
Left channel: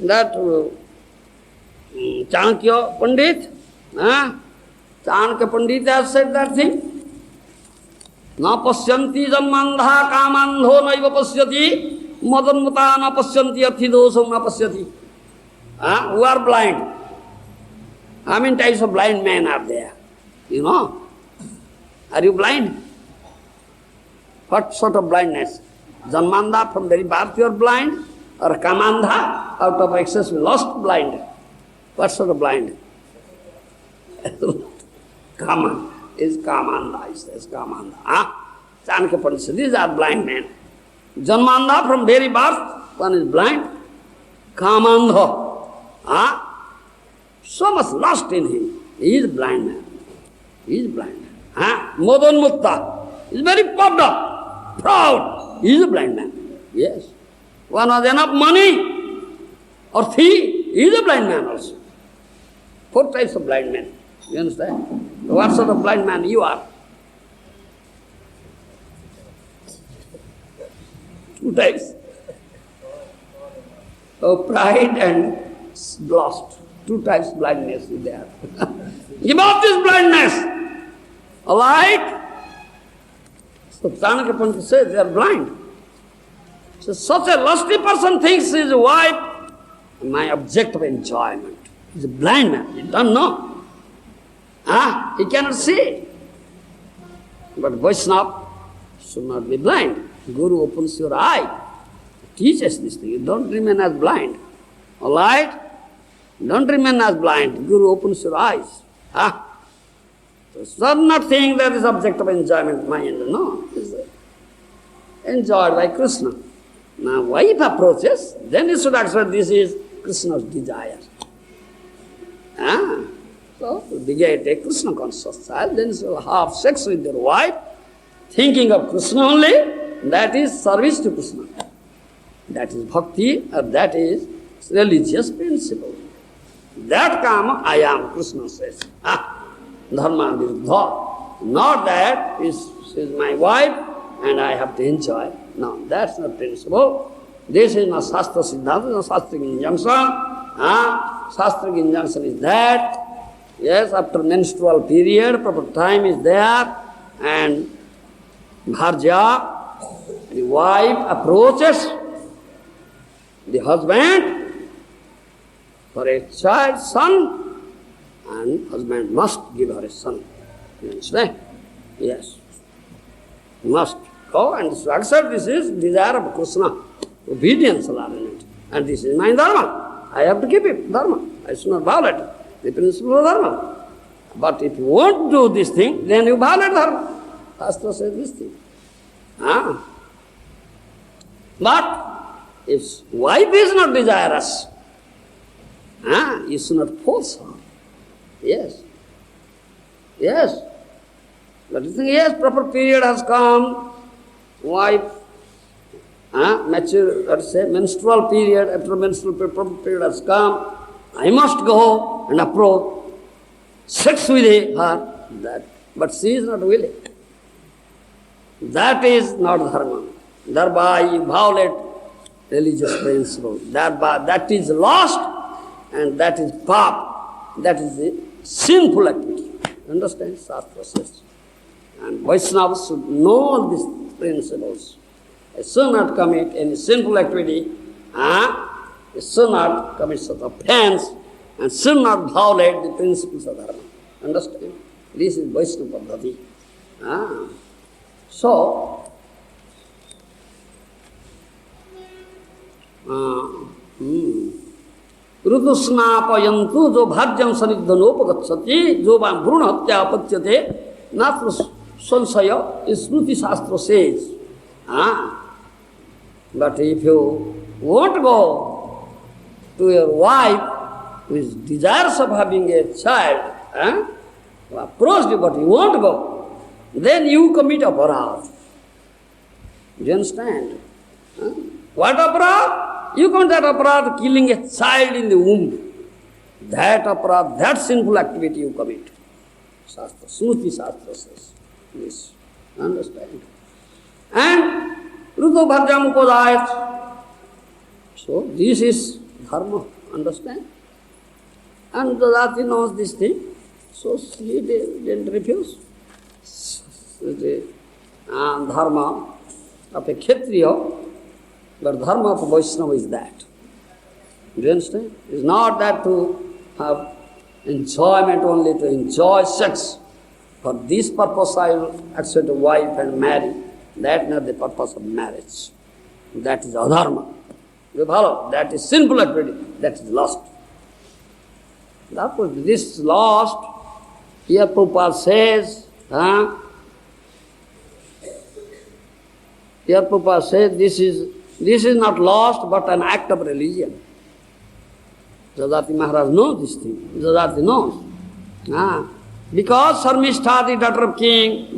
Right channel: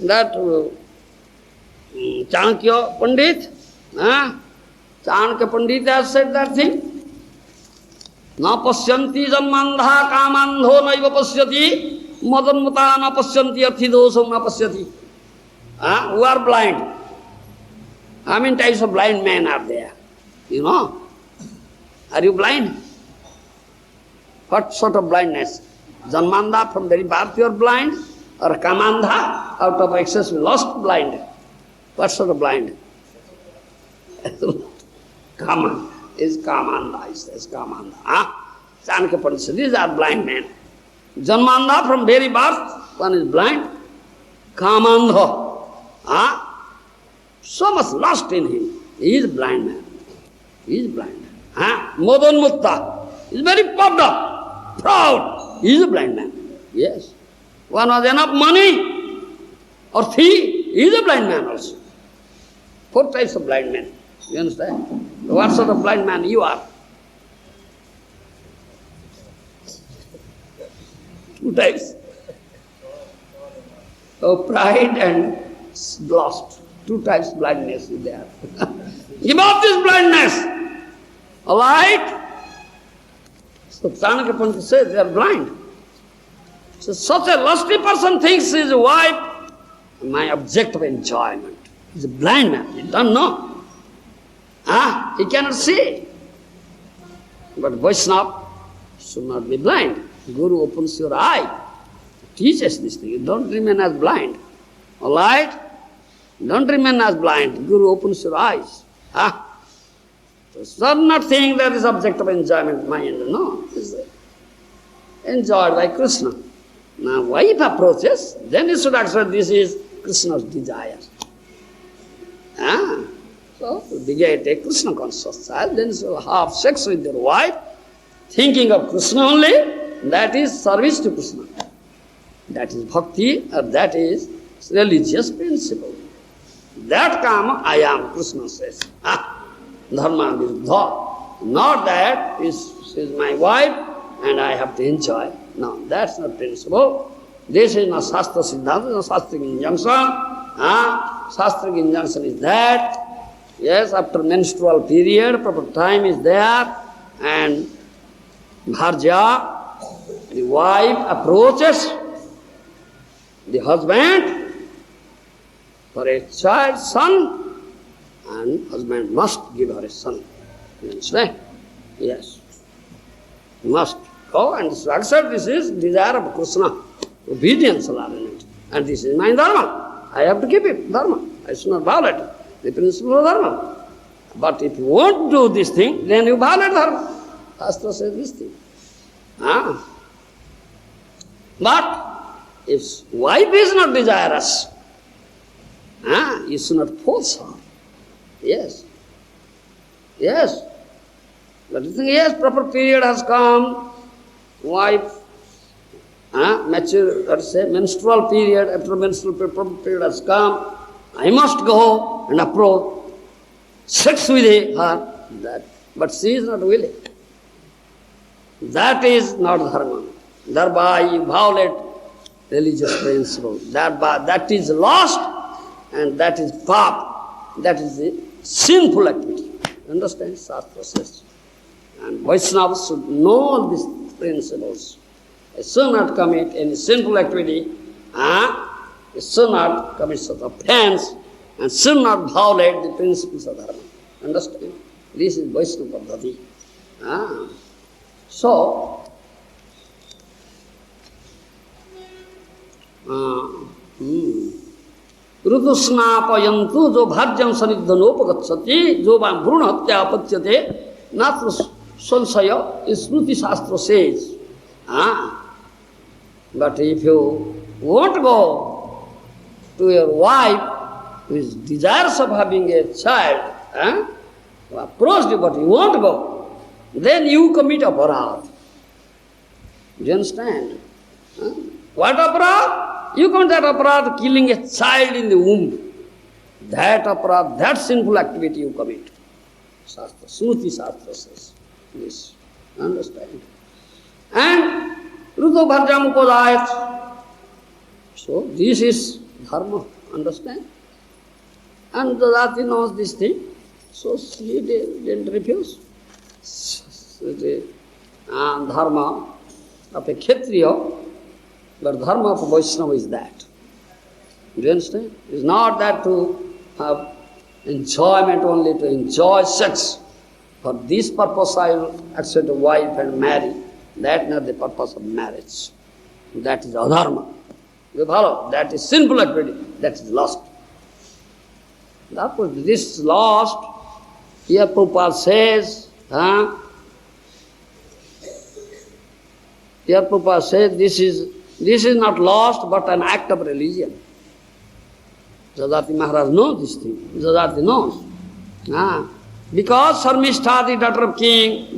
That Chanakya Pandit, Chanakya Pandit has said that thing. Na pasyanti janmandha kamandho naiva pasyati, madanmata na pasyanti arthidosam na pasyati. Who are blind? How many types of blind men are there? You know? Are you blind? What sort of blindness? Janmandha, from very birth you are blind? Or kamandha, out of excess lust blind? What sort of blind? Kaman is kamandha, it says kamandha. Chanakya Pandit says, these are blind men. Janmandha, from very birth, one is blind. Kamandha. So much lust in him. He is blind man. He is blind man. Modanmutta. He is very puffed up, proud. He is a blind man. Yes. One has enough money or thief, he is a blind man also. 4 types of blind men. You understand? What sort of blind man you are? 2 types. Pride and lust. 2 types of blindness is there. Give up this blindness. Alright? So Chanakya Pandit says they are blind. So such a lusty person thinks his wife my object of enjoyment. He's a blind man. He doesn't know. He cannot see. But Vaishnava should not be blind. Guru opens your eye, teaches this thing. You don't remain as blind. All right? Don't remain as blind. Guru opens your eyes. So some not think that is object of enjoyment mind. No. It's enjoyed by Kṛṣṇa. Now wife approaches, then you should accept this is Kṛṣṇa's desire. So you get a Kṛṣṇa conscious child, then you should have sex with your wife, thinking of Kṛṣṇa only, that is service to Kṛṣṇa. That is bhakti, or that is religious principle. That kama I am, Kṛṣṇa says. Dharma viruddha. Not that she is my wife and I have to enjoy. No, that's not principle. This is not Shastra Siddhanta, no Shastric injunction. Shastric injunction is that, yes, after menstrual period, proper time is there, and Bharja, the wife, approaches the husband for a child, son, and husband must give her a son. You understand? Yes. Must go and accept this is desire of Kṛṣṇa, obedience allowing it. And this is my dharma. I have to keep it, dharma. I should not violate it, the principle of dharma. But if you won't do this thing, then you violate dharma. Shastra says this thing. But if wife is not desirous, you should not force her. Yes. Yes. But you think, yes, proper period has come, wife, mature, let's say, menstrual period, after menstrual proper period has come, I must go and approach, sex with her, that. But she is not willing. That is not dharma. Thereby you violate religious principle. That is lost, and that is pap. That is a sinful activity. Understand? Shastra says. And Vaishnavas should know these principles. They should not commit any sinful activity, they should not commit such offense, and should not violate the principles of dharma. Understand? This is Vaishnava Dharma. So, ऋतुस्नापयन्तु जो भाज्यं सनिग्धनोपगच्छति जो भ्रूण हत्या अपच्यते नात्र संशय स्मृति शास्त्र says. But if you won't go to your wife who is desirous of having a child, who approached you but you won't go, then you commit aparadha. Do you understand? What aparadha? You commit that aparadha, killing a child in the womb. That aparadha, that sinful activity you commit. Shastra, Smriti Shastra says this. Understand? And Ruto Bharjam Upadayat. So this is dharma. Understand? And the Jati knows this thing. So she didn't refuse. The dharma of a kṣatriya, but dharma of a Vaiṣṇava is that. Do you understand? It's not that to have enjoyment only, to enjoy sex. For this purpose I will accept a wife and marry. That is not the purpose of marriage. That is adharma. You follow? That is sinful activity. That is lost. Therefore, this is lost. Here Prabhupada says, here Prabhupada says, this is not lost but an act of religion. Yayāti Maharaj knows this thing. Yayāti knows. Because Śarmiṣṭhā, the daughter of King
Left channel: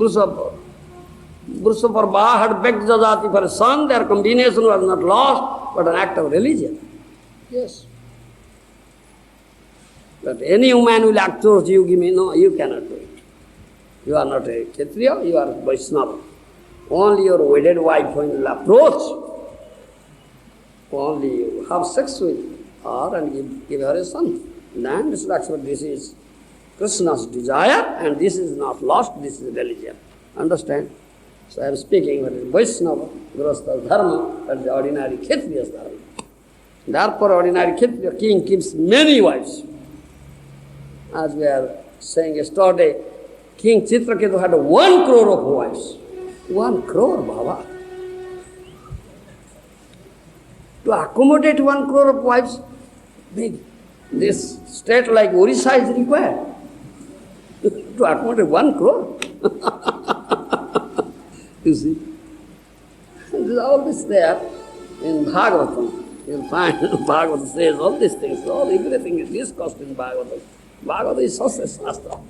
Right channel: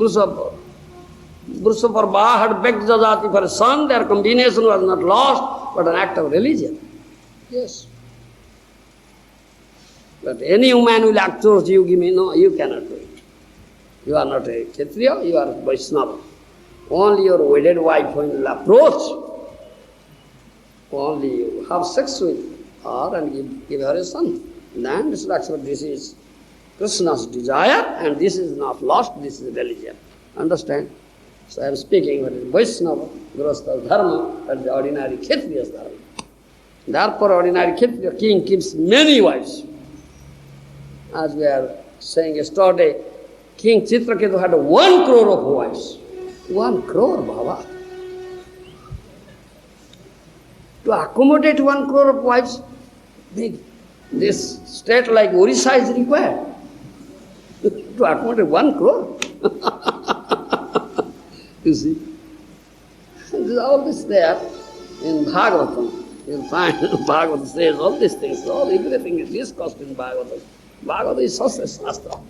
Vruṣaparva, had begged Yayāti for a son, their combination was not lost but an act of religion. Yes. But any woman will approach you, give me, no, you cannot do it. You are not a kṣatriya, you are a Vaiṣṇava. Only your wedded wife will approach. Only you have sex with her and give her a son. Then this is Krishna's desire, and this is not lost, this is religion. Understand? So I am speaking what is Vaiṣṇava, gṛhastha dharma, but the ordinary kṣatriya's dharma. Therefore, ordinary kṣatriya king keeps many wives. As we are saying yesterday, King Chitraketu had 1 crore of wives. 1 crore, Baba. To accommodate 1 crore of wives, big. This state like Orissa is required. To accommodate 1 crore. You see? All this there in Bhagavatam. You'll find Bhagavatam says all these things. Everything is discussed in Bhagavatam. Bhagavata is such a shastra.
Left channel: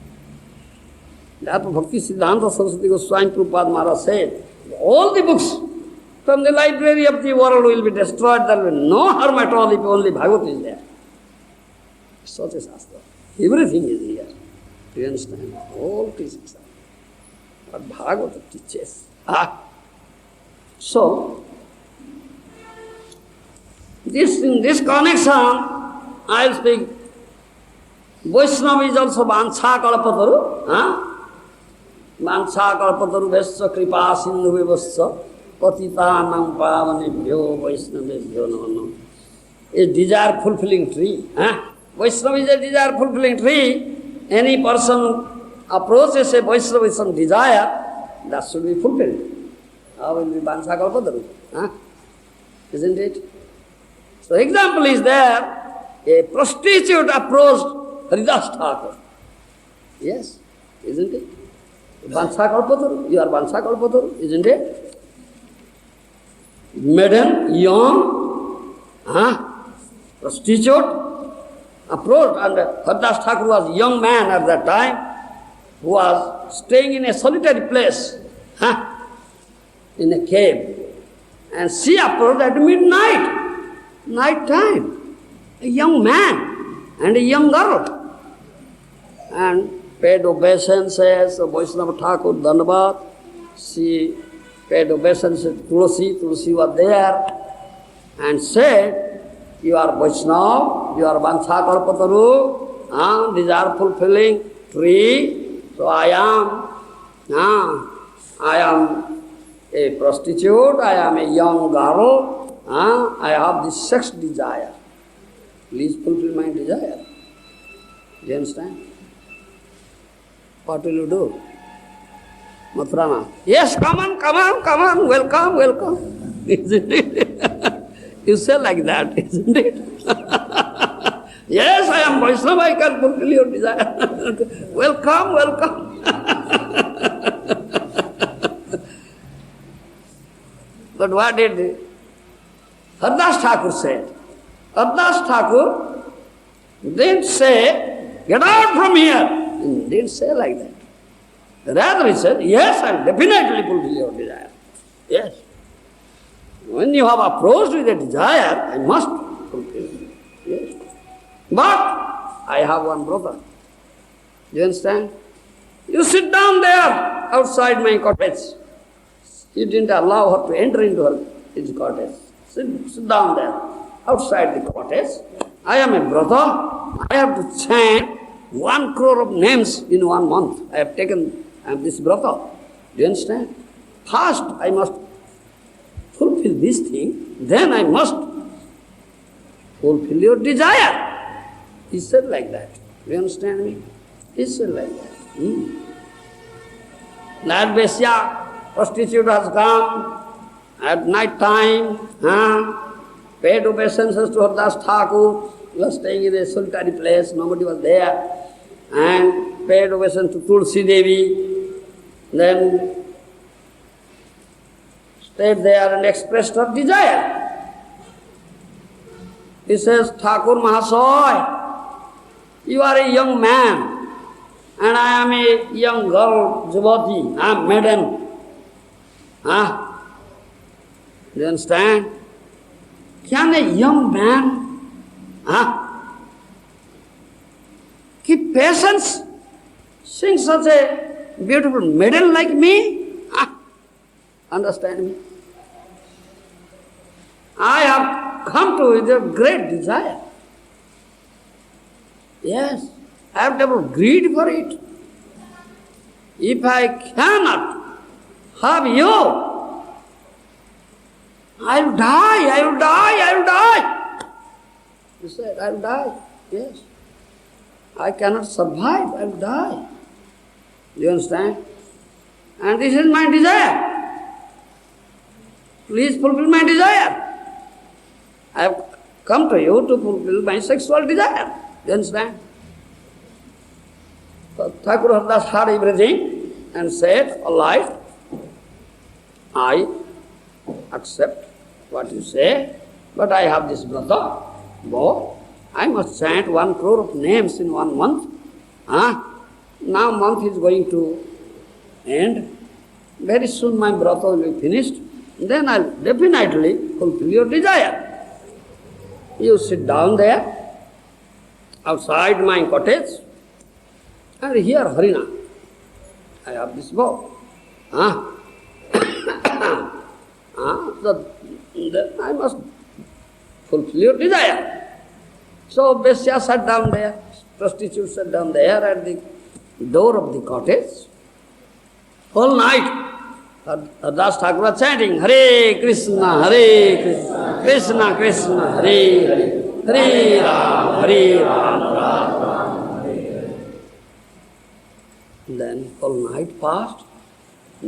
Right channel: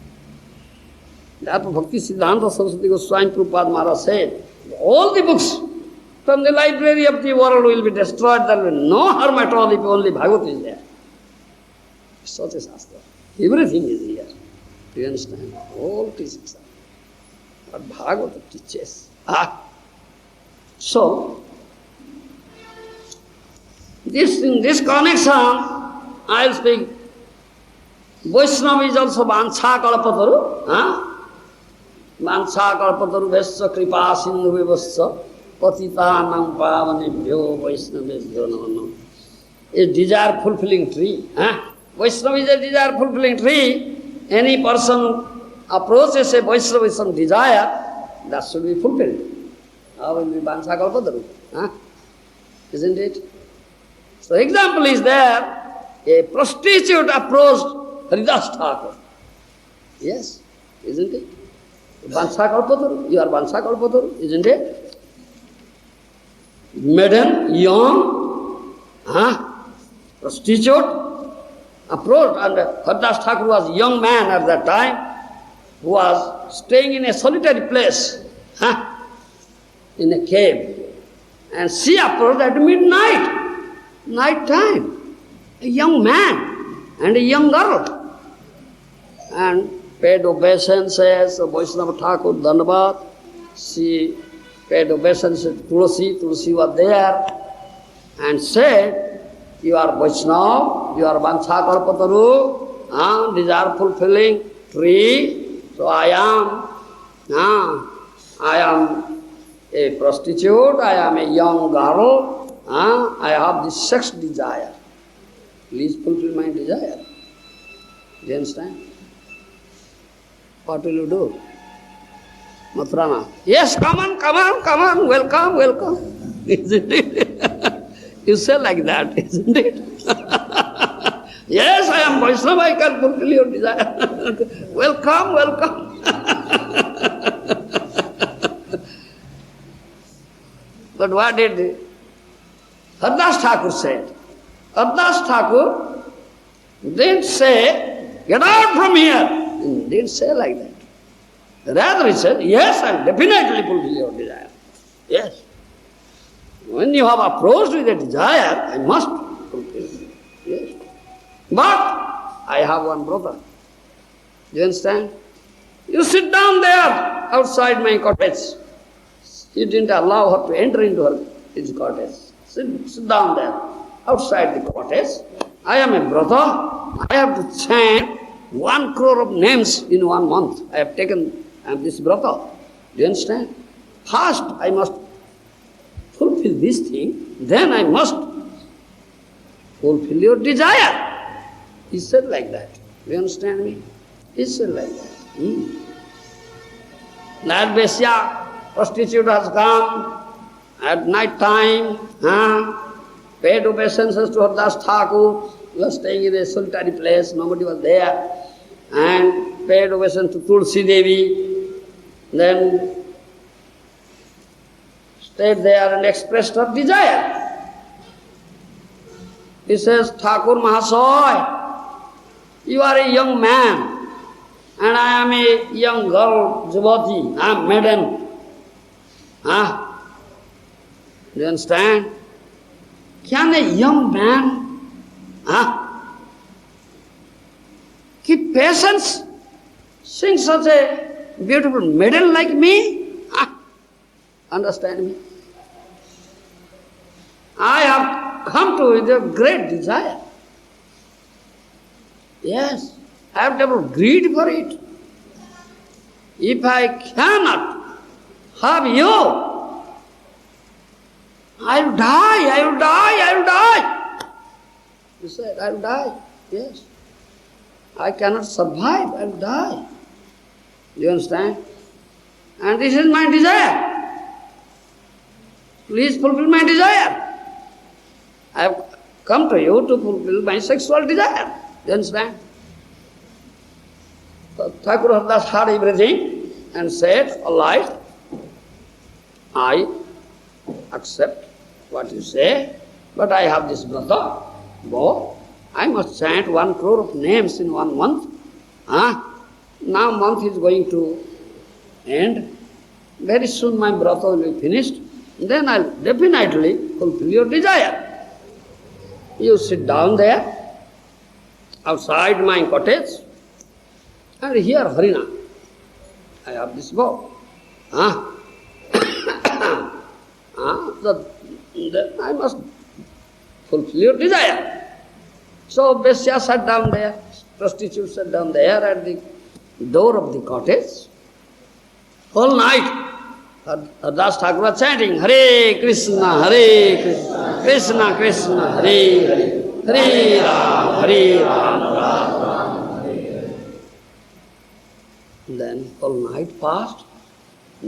Therefore, Bhakti Siddhanta Saraswati Goswami Prabhupada Maharaj said, all the books from the library of the world will be destroyed. There will be no harm at all if only Bhagavata is there. Such a shastra. Everything is here. Do you understand? All teachings are. But Bhagavata teaches. So, in this connection, I will speak. Vaishnava is also Vancha Kalapataru. Mansa kalpatarubhesya kripa sindhuvivasya patitanam pavanebhyo Vaishnavebhyo namo namo. A desire fulfilling tree. Vaishnava is a desire fulfilling tree. Any person approaches a Vaishnava with some desire, that should be fulfilled. How will be Mansa kalpataru? Isn't it? So example is there, a prostitute approached Haridas Thakur. Yes, isn't it? Vansa kalpataru, you are Vansa kalpataru, isn't it? Maiden, young, prostitute, approached, and Haridas Thakur was a young man at that time, who was staying in a solitary place, in a cave. And she approached at midnight, night time, a young man and a young girl. And paid obeisances of Vaisnava Thakur, Dhanavad. She paid obeisances to Tulsi. Tulsi was there and said, you are Vaishnava, you are Vansa kalpataru, desire fulfilling tree. So I am a prostitute, I am a young girl, I have this sex desire. Please fulfill my desire. Do you understand? What will you do? Matrana, yes, come on, welcome. Isn't it? You say like that, isn't it? Yes, I am Vaishnava, I can fulfill your desire. Welcome. But what did Haridas Thakur say? Haridas Thakur didn't say, get out from here. He didn't say like that. Rather he said, yes, I will definitely fulfill your desire. Yes. When you have approached with a desire, I must fulfill it. Yes. But I have one brother. You understand? You sit down there outside my cottage. He didn't allow her to enter into his cottage. Sit down there outside the cottage. I am a brother. I have to chant 1 crore of names in 1 month. I have taken this brother. Do you understand? First, I must fulfill this thing, then I must fulfill your desire. He said like that. Do you understand me? He said like that. That Vaisya, prostitute has come at night time, paid obeisances to Haridas Thakur. He was staying in a solitary place, nobody was there, and paid obeisance to Tulsi Devi. Then stayed there and expressed her desire. He says, Thakur Mahasaya, you are a young man, and I am a young girl, devotee, I am maiden. Do you understand? Can a young man keep patience, seeing such a beautiful maiden like me? Understand me? I have come to with a great desire. Yes, I have developed greed for it. If I cannot have you, I will die. He said, I will die. Yes. I cannot survive, I will die. You understand? And this is my desire. Please fulfill my desire. I have come to you to fulfill my sexual desire. You understand? So Thakur Haridas heard everything and said, all right, I accept what you say, but I have this brother, go. I must chant 1 crore of names in 1 month. Now month is going to end. Very soon my brother will be finished. Then I will definitely fulfill your desire. You sit down there, outside my cottage, and hear Harina. I have this bow. Then I must fulfill your desire. So Vaisya sat down there, prostitute sat down there at the door of the cottage, whole night, Das Thakur was chanting, Hare Krishna, Krishna Krishna, Hare Hare, Hare Ram, Hare Ram. Then whole night passed,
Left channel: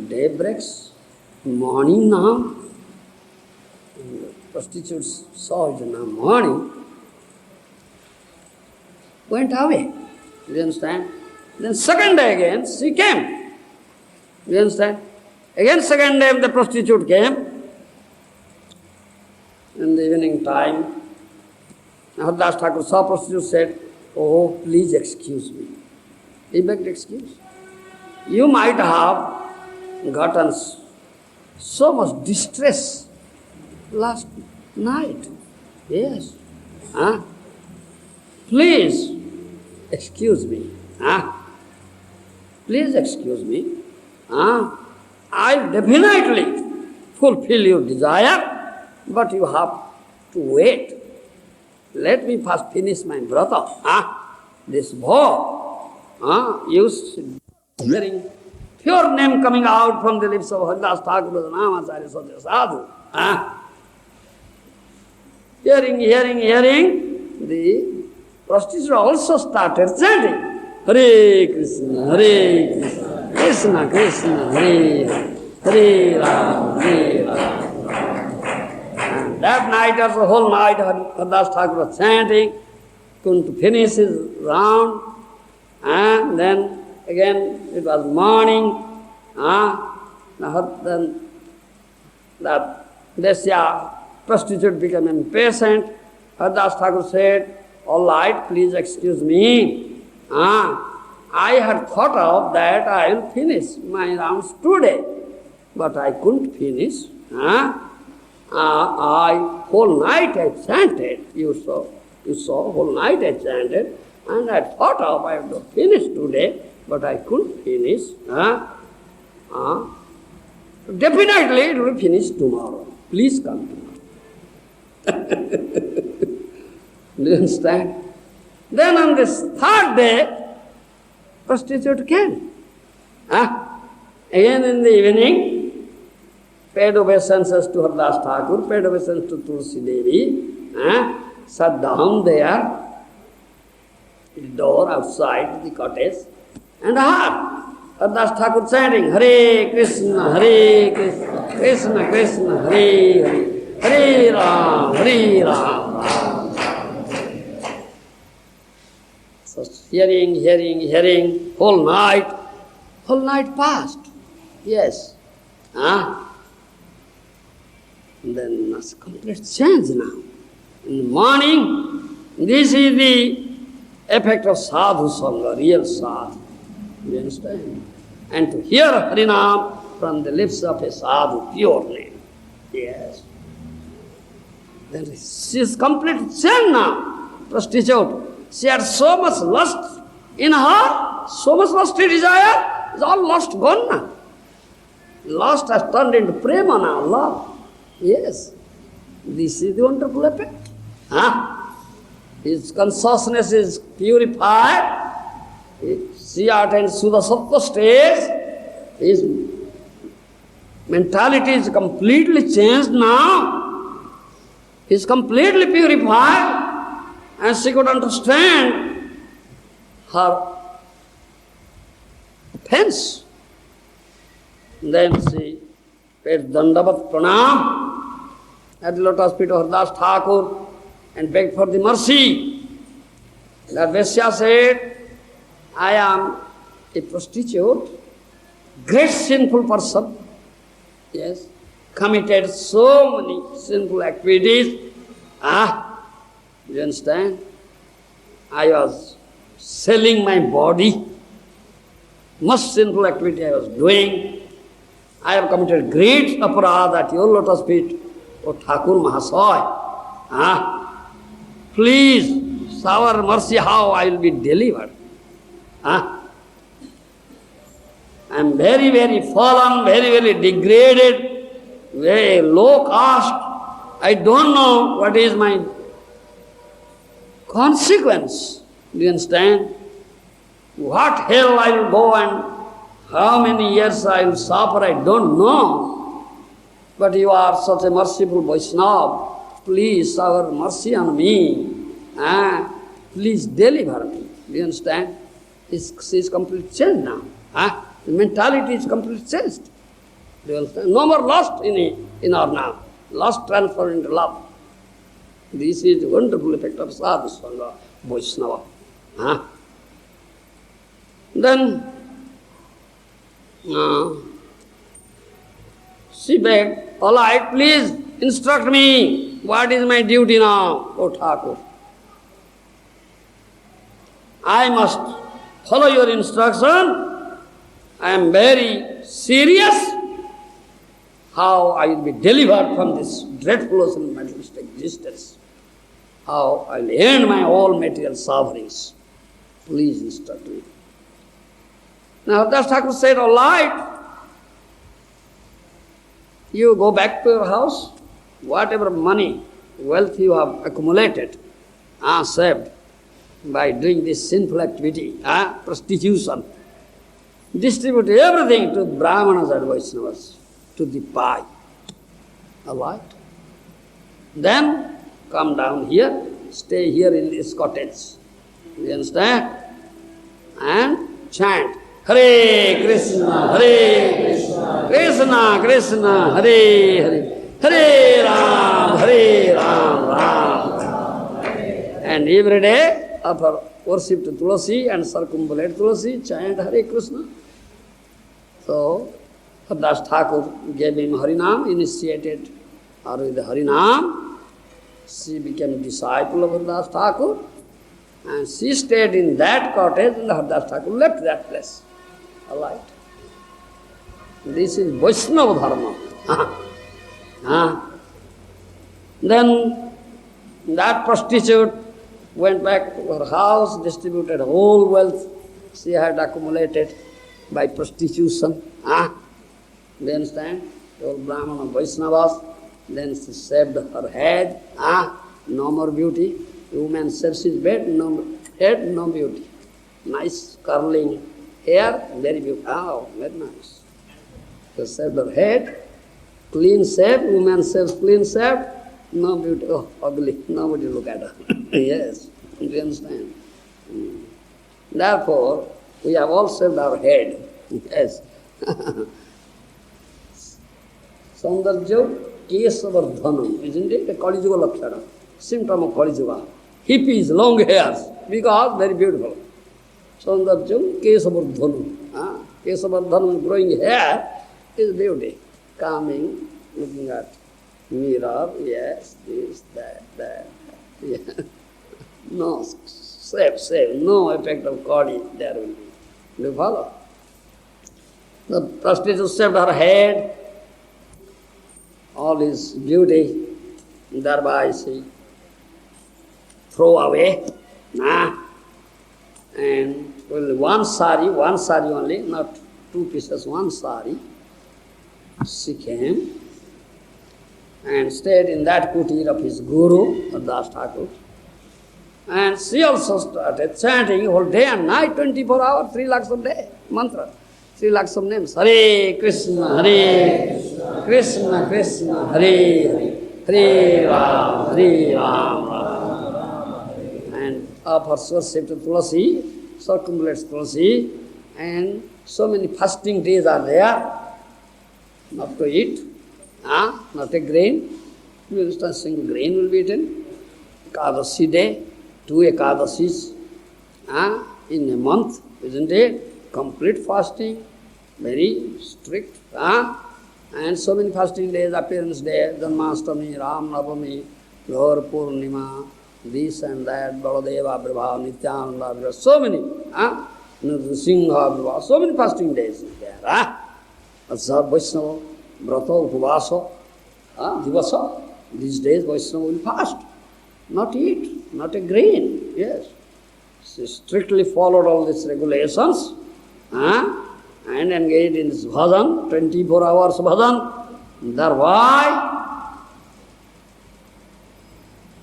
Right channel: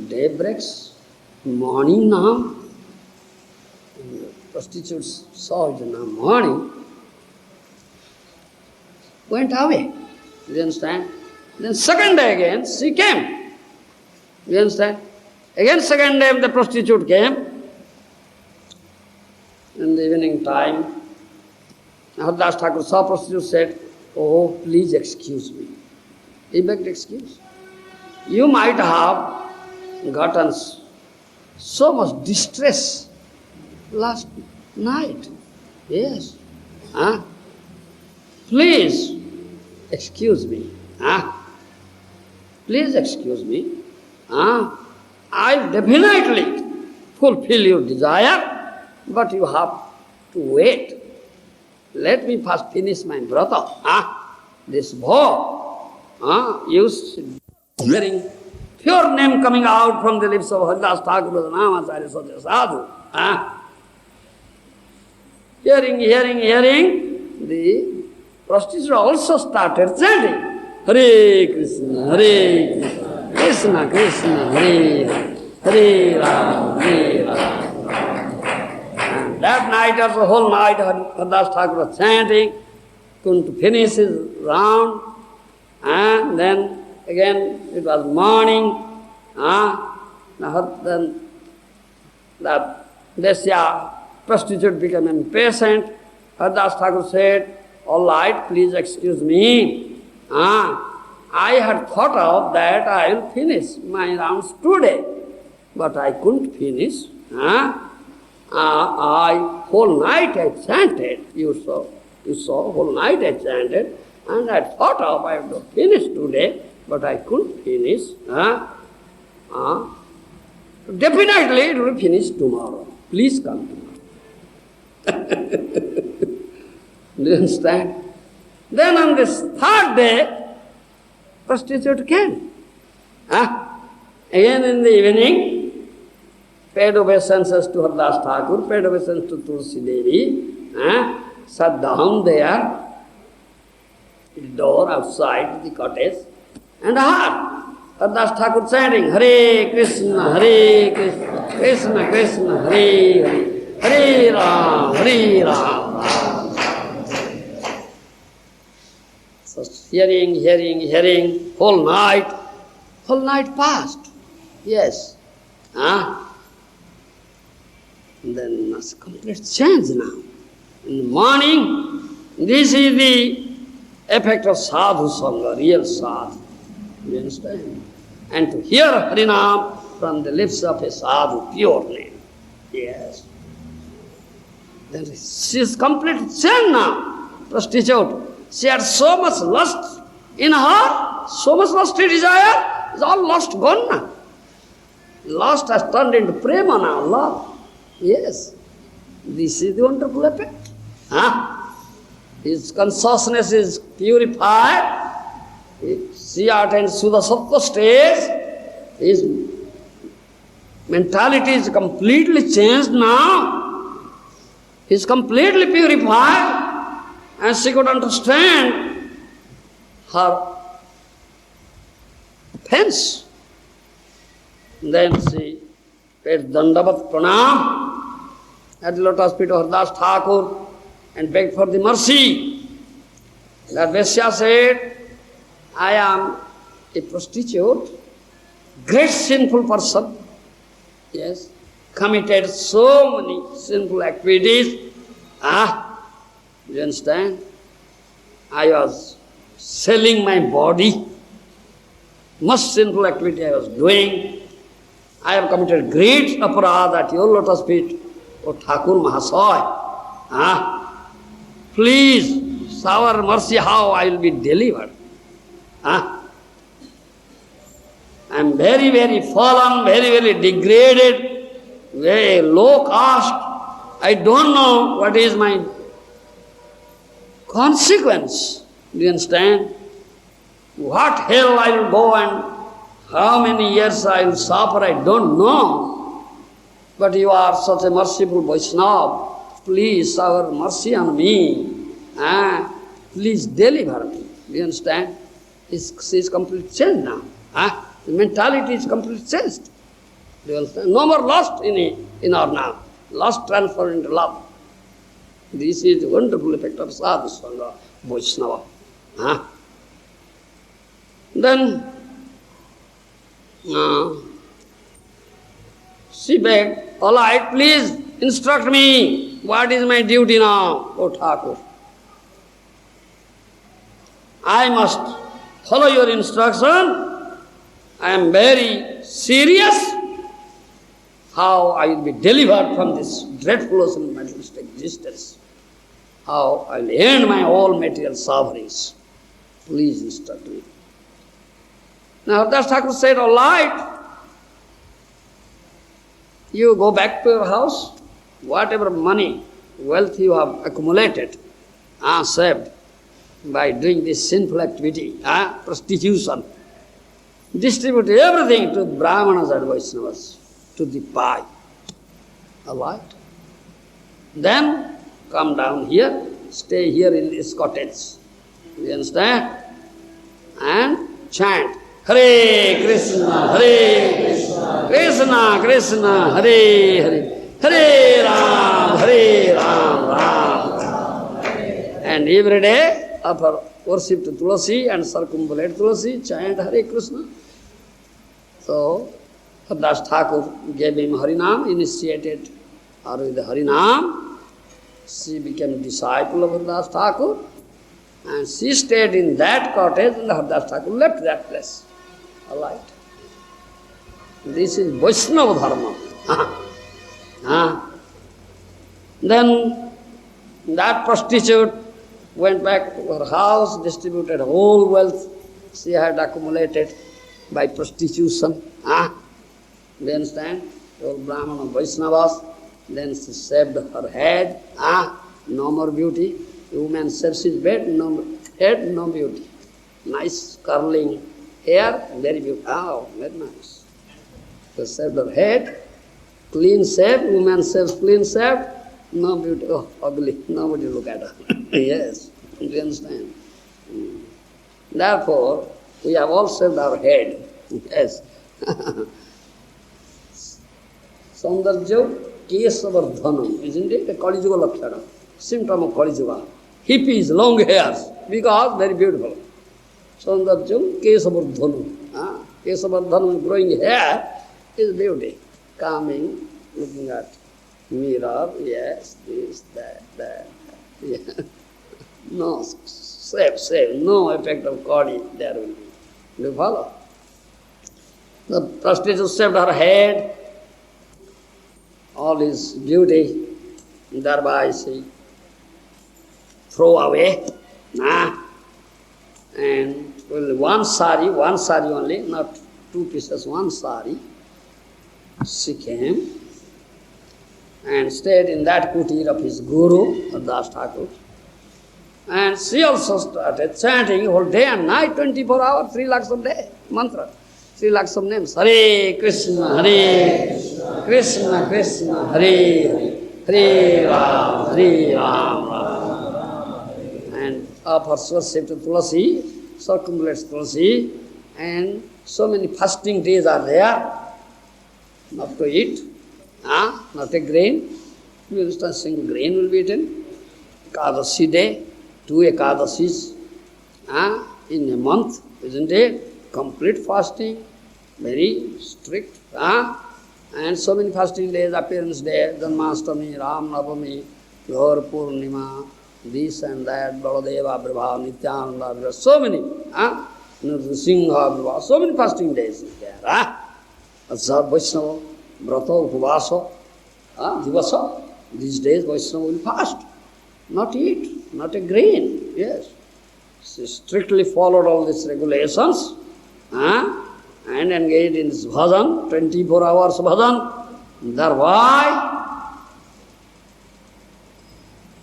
day breaks, morning now. And the prostitutes saw it in the morning, went away. You understand? Then second day again, she came. You understand? Again second day the prostitute came. In the evening time, Das Thakur saw prostitute, said, oh, please excuse me. He begged excuse. You might have gotten so much distress last night. Yes. Please excuse me. Please excuse me. I'll definitely fulfill your desire, but you have to wait. Let me first finish my vrata. This bhav, hearing pure name coming out from the lips of Haridas Thakur, Namacharya Sadhya Sadhu. Hearing, the prostitute also started chanting, Hare Krishna, Krishna Krishna, Hare Hare, Hare Ram, Hare Ram. That night or the whole night, Haridas Thakur was chanting, couldn't finish his round, and then again it was morning. Then that prostitute became impatient. Haridas Thakur said, all right, please excuse me. I had thought of that I will finish my rounds today, but I couldn't finish. Whole night I chanted, you saw, whole night I chanted, and I thought of I have to finish today, but I couldn't finish. Definitely it will finish tomorrow. Please come tomorrow. Do you understand? Then on this third day, prostitute came. Again in the evening, paid obeisances to Haridas Thakur, paid obeisance to Tulsi Devi, sat down there, the door outside the cottage, and heard Haridas Thakur chanting, Hare Krishna, Krishna Krishna, Hare Hare, Hare Ram, Hare Ram. So hearing, whole night passed. Yes. Then it's complete change now. In the morning, this is the effect of sadhu sangha, real sadhu. You understand? And to hear Harinam from the lips of a sadhu, pure name. Yes. Then she is completely changed now, prostitute. She had so much lust in her, so much lusty desire, it's all lust gone now. Lust has turned into prema now, love. Yes. This is the wonderful effect. His consciousness is purified. She attains to the sattva stage. His mentality is completely changed now. He is completely purified. And she could understand her offense. Then she paid Dandavat Pranam at the lotus feet of Haridas Thakur and begged for the mercy. That Vaisya said, I am a prostitute, great sinful person, yes, committed so many sinful activities. You understand? I was selling my body, much sinful activity I was doing. I have committed great aparadha at your lotus feet, O Thakur Mahasaya. Please shower mercy how I will be delivered. I am very, very fallen, very, very degraded, very low caste. I don't know what is my consequence. Do you understand? What hell I will go and How many years I will suffer, I don't know. But you are such a merciful Vaishnava. Please shower mercy on me. Please deliver me. Do you understand? She is completely changed now. The mentality is completely changed. Do you understand? No more lust in our now. Lust transferred into love. This is the wonderful effect of sadhu sangha, Vaishnava. Then she begged, all right, please instruct me. What is my duty now, O Thakur? I must follow your instruction. I am very serious. How I will be delivered from this dreadful ocean of materialistic existence. How I will end my all material sufferings. Please instruct me. Now Hardas Thakur said, all right, you go back to your house, whatever money, wealth you have accumulated, saved by doing this sinful activity, prostitution, distribute everything to Brahmanas and Vaishnavas, to the pie. All right? Then come down here, stay here in this cottage. You understand? And chant, Hare Krishna, Krishna Krishna, Hare Hare, Hare Ram, Ram. And every day, offer worship to Tulasi and circumambulate Tulasi, chant Hare Krishna. So, Hardas Thakur gave him Harinam, initiated her with the Harinam. She became a disciple of Hardas Thakur, and she stayed in that cottage, and Hardas Thakur left that place. All right. This is Vaisnava Dharma. Then that prostitute went back to her house, distributed whole wealth she had accumulated by prostitution. Do you understand? All Brahmana Vaishnavas. Then she shaved her head. No more beauty. The woman shaves his head, no beauty. Nice curling hair, very beautiful. Oh, very nice. She shaved her head, clean shave, woman shaves clean shave, no beauty. Oh, ugly. Nobody look at her. Yes, do you understand? Therefore, we have all shaved our head. Yes. Saundarjya kesavardhanam, isn't it? A Kali Yuga lakshana, symptom of Kali Yuga. Hippies, long hairs, because very beautiful. Saundarjya kesavardhanam. Kesavardhanam, growing hair, is beauty. Calming, looking at mirror, yes, this, that. Yeah. No, safe, no effect of Kali there will be. Do you follow? The prostitute shaved her head, all his beauty, thereby she throw away. And only one sari only, not two pieces, one sari. She came and stayed in that kutir of his guru, Hardas Thakur. And she also started chanting whole day and night, 24 hours, 3 lakhs a day, mantra. 3 lakhs of names. Hare Krishna, Krishna Krishna, Hare Hare, Hare Ram, and offers worship to Tulasi, circumambulates Tulasi, and so many fasting days are there, not to eat, not a grain. You understand, single grain will be eaten. Ekadasi day, 2 Ekadasis in a month, isn't it? Complete fasting, very strict. And so many fasting days, appearance day, Janmashtami, Ram Navami, Gaur Purnima, this and that, Baladeva Brabha, Nityananda, so many. Nrsimha Brabha, so many fasting days is there. Observe Vaishnava, Brata, Upavasa, Divasa. These days Vaishnava will fast, not eat, not a grain, yes. She strictly followed all these regulations and engaged in this bhajan, 24 hours bhajan. Thereby,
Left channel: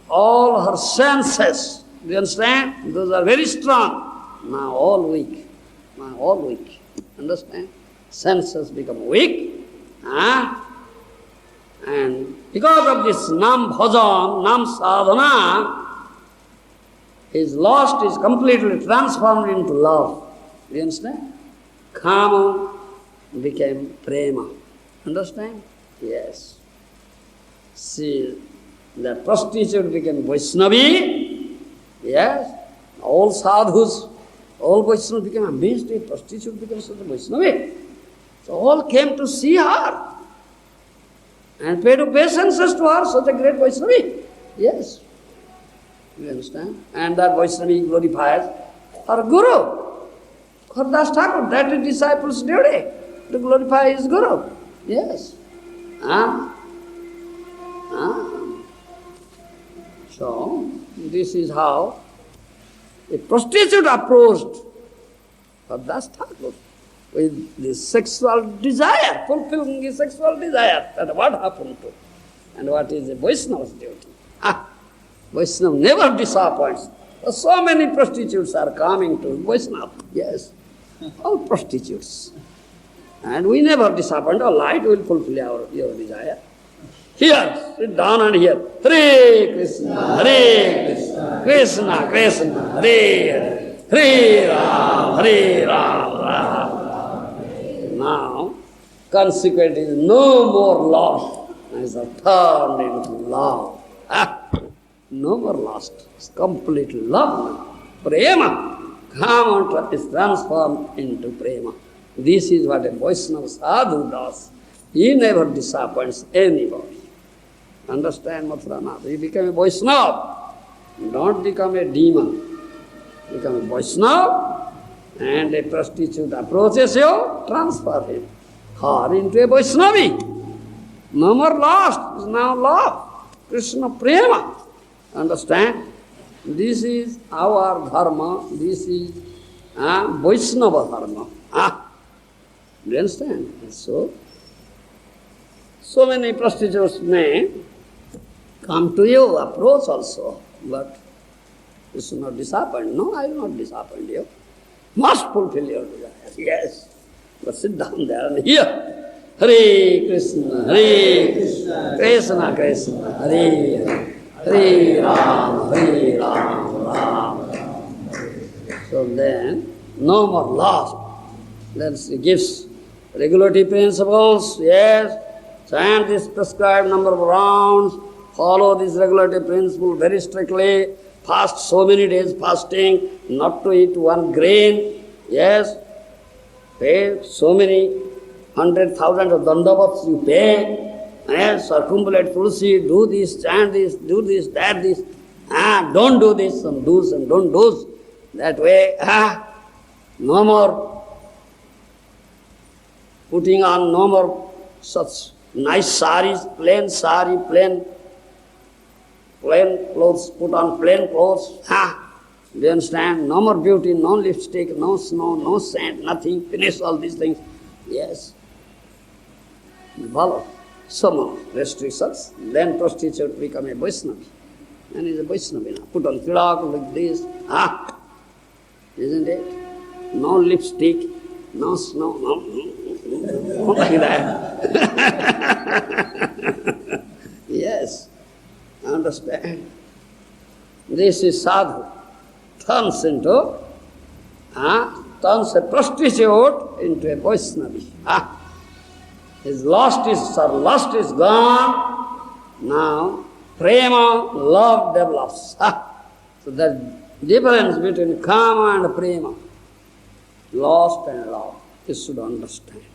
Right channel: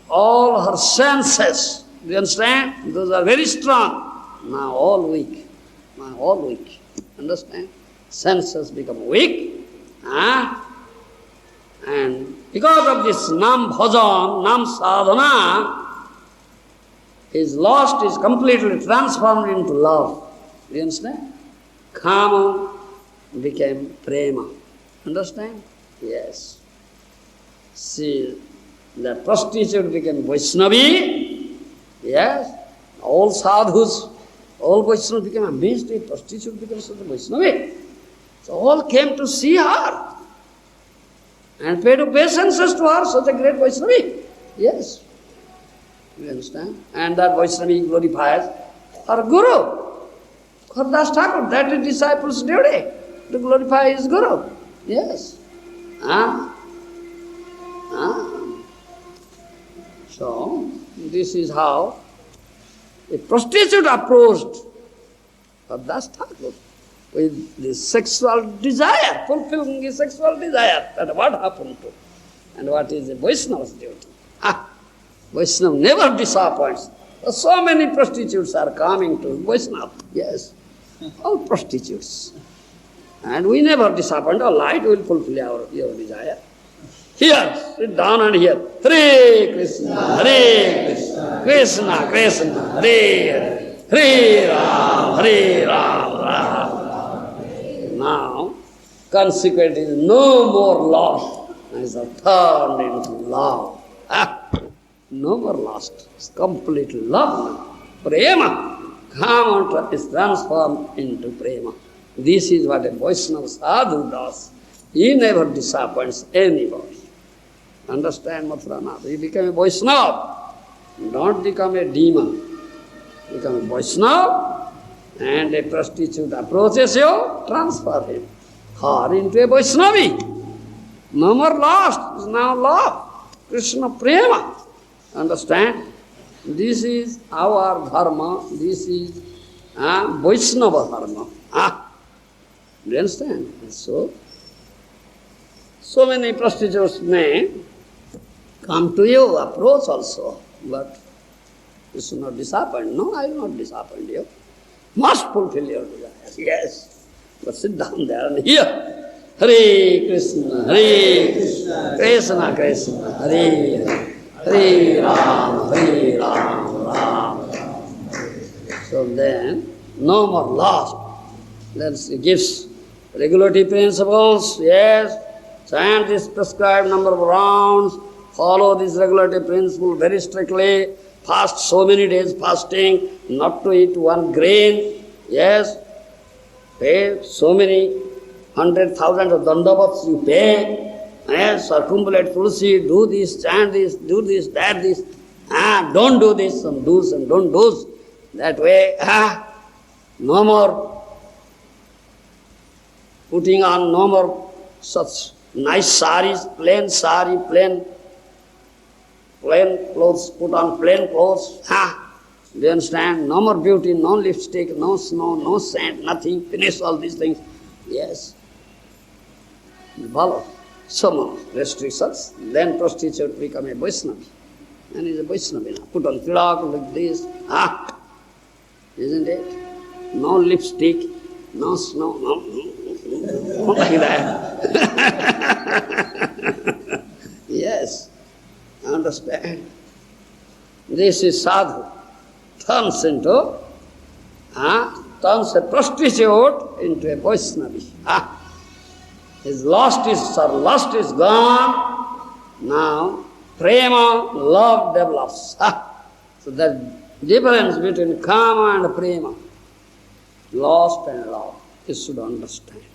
all her senses, do you understand? Those are very strong. Now all weak. Understand? Senses become weak. And because of this nam bhajan, nam sadhana, his lust is completely transformed into love. Do you understand? Kama became prema. Understand? Yes. See, the prostitute became Vaisnavi. Yes. All sadhus, all Vaishnavas became amazed. A prostitute became such a Vaisnavi. So all came to see her and paid obeisances to her, such a great Vaisnavi. Yes. You understand? And that Vaisnavi glorifies her Guru. Kṛṣṇa Thakur, that is disciple's duty, to glorify his Guru. Yes. So, this is how a prostitute approached Kṛṣṇa Thakur with the sexual desire, fulfilling his sexual desire. That what happened to, and what is a Vaishnava's duty. Vaishnava never disappoints. So many prostitutes are coming to Vaishnava. Yes, all prostitutes. And we never disappoint. All right, we will fulfill your desire. Here, sit down and hear. Hare Krishna, Hare Krishna, Krishna Krishna, Hare Hare, Hare Ram, Hare Ram, Ram. Now, consequent is no more lost, as are turned into love. No more lost. It's completely love now. Prema. Kama is transformed into prema. This is what a Vaishnava sadhu does. He never disappoints anybody. Understand, Mathuranath? You become a Vaishnava. Don't become a demon. Become a Vaishnava, and a prostitute approaches you, transfer him. Her into a Vaishnavi. No more lost. It's now love. Krishna prema. Understand? This is our dharma. This is Vaisnava Dharma. Do you understand? So many prostitutes may come to you, approach also, but you should not disappoint. No, I will not disappoint you. Must fulfill your desire. Yes. But sit down there and hear. Hare Krishna, Hare Krishna, Krishna Krishna, Hare Hare. Hare Ram, Hare Ram, Ram Ram. So then, no more lost. Then he gives regulative principles, yes, chant this prescribed number of rounds, follow this regulative principle very strictly, fast so many days fasting, not to eat one grain, yes, pay so many 100,000 of dandavats you pay, yes, circumambulate tulsi, do this, chant this, do this, that, this, don't do this, some do's and don't do's, that way, no more putting on no more such nice saris, plain sari, plain clothes, put on plain clothes. Do you understand? No more beauty, no lipstick, no snow, no scent, nothing. Finish all these things. Yes. Follow some restrictions. Then prostitute become a Vaishnava. And he's a Vaishnava now. Put on tilak like this. Isn't it? No lipstick, no snow, no like that. Yes, understand. This is sadhu. Turns a prostitute into a Vaishnava. His lust is gone. Now, prema, love develops. So the difference between kama and prema, lust and love, you should understand.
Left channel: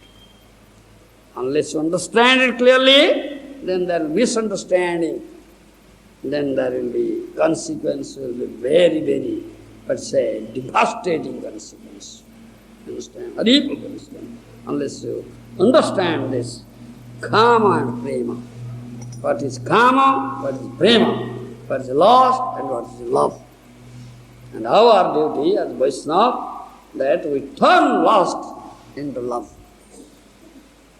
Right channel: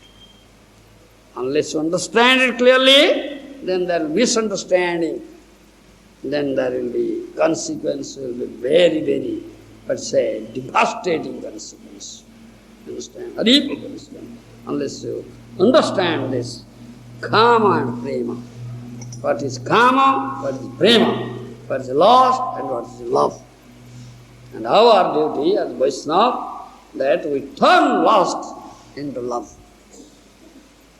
Unless you understand it clearly, then there will be misunderstanding. Then there will be consequence, will be very, very, let's say, devastating consequence. Understand? Horrible consequence. Unless you understand this kama and prema. What is kama, what is prema, what is lust and what is love. And our duty as Vaishnava, that we turn lust into love.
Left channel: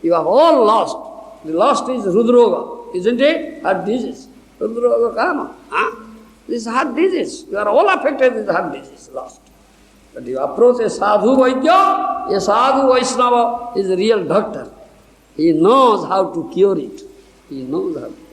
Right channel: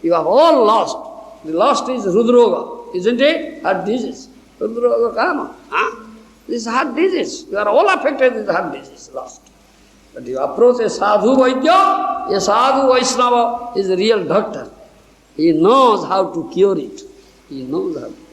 You have all lost. The lust is Rudroga, isn't it? Heart disease. Rudroga kama. This is heart disease. You are all affected with heart disease, lust. But you approach a sadhu Vaidya, a sadhu Vaiṣṇava is a real doctor. He knows how to cure it. He knows how to.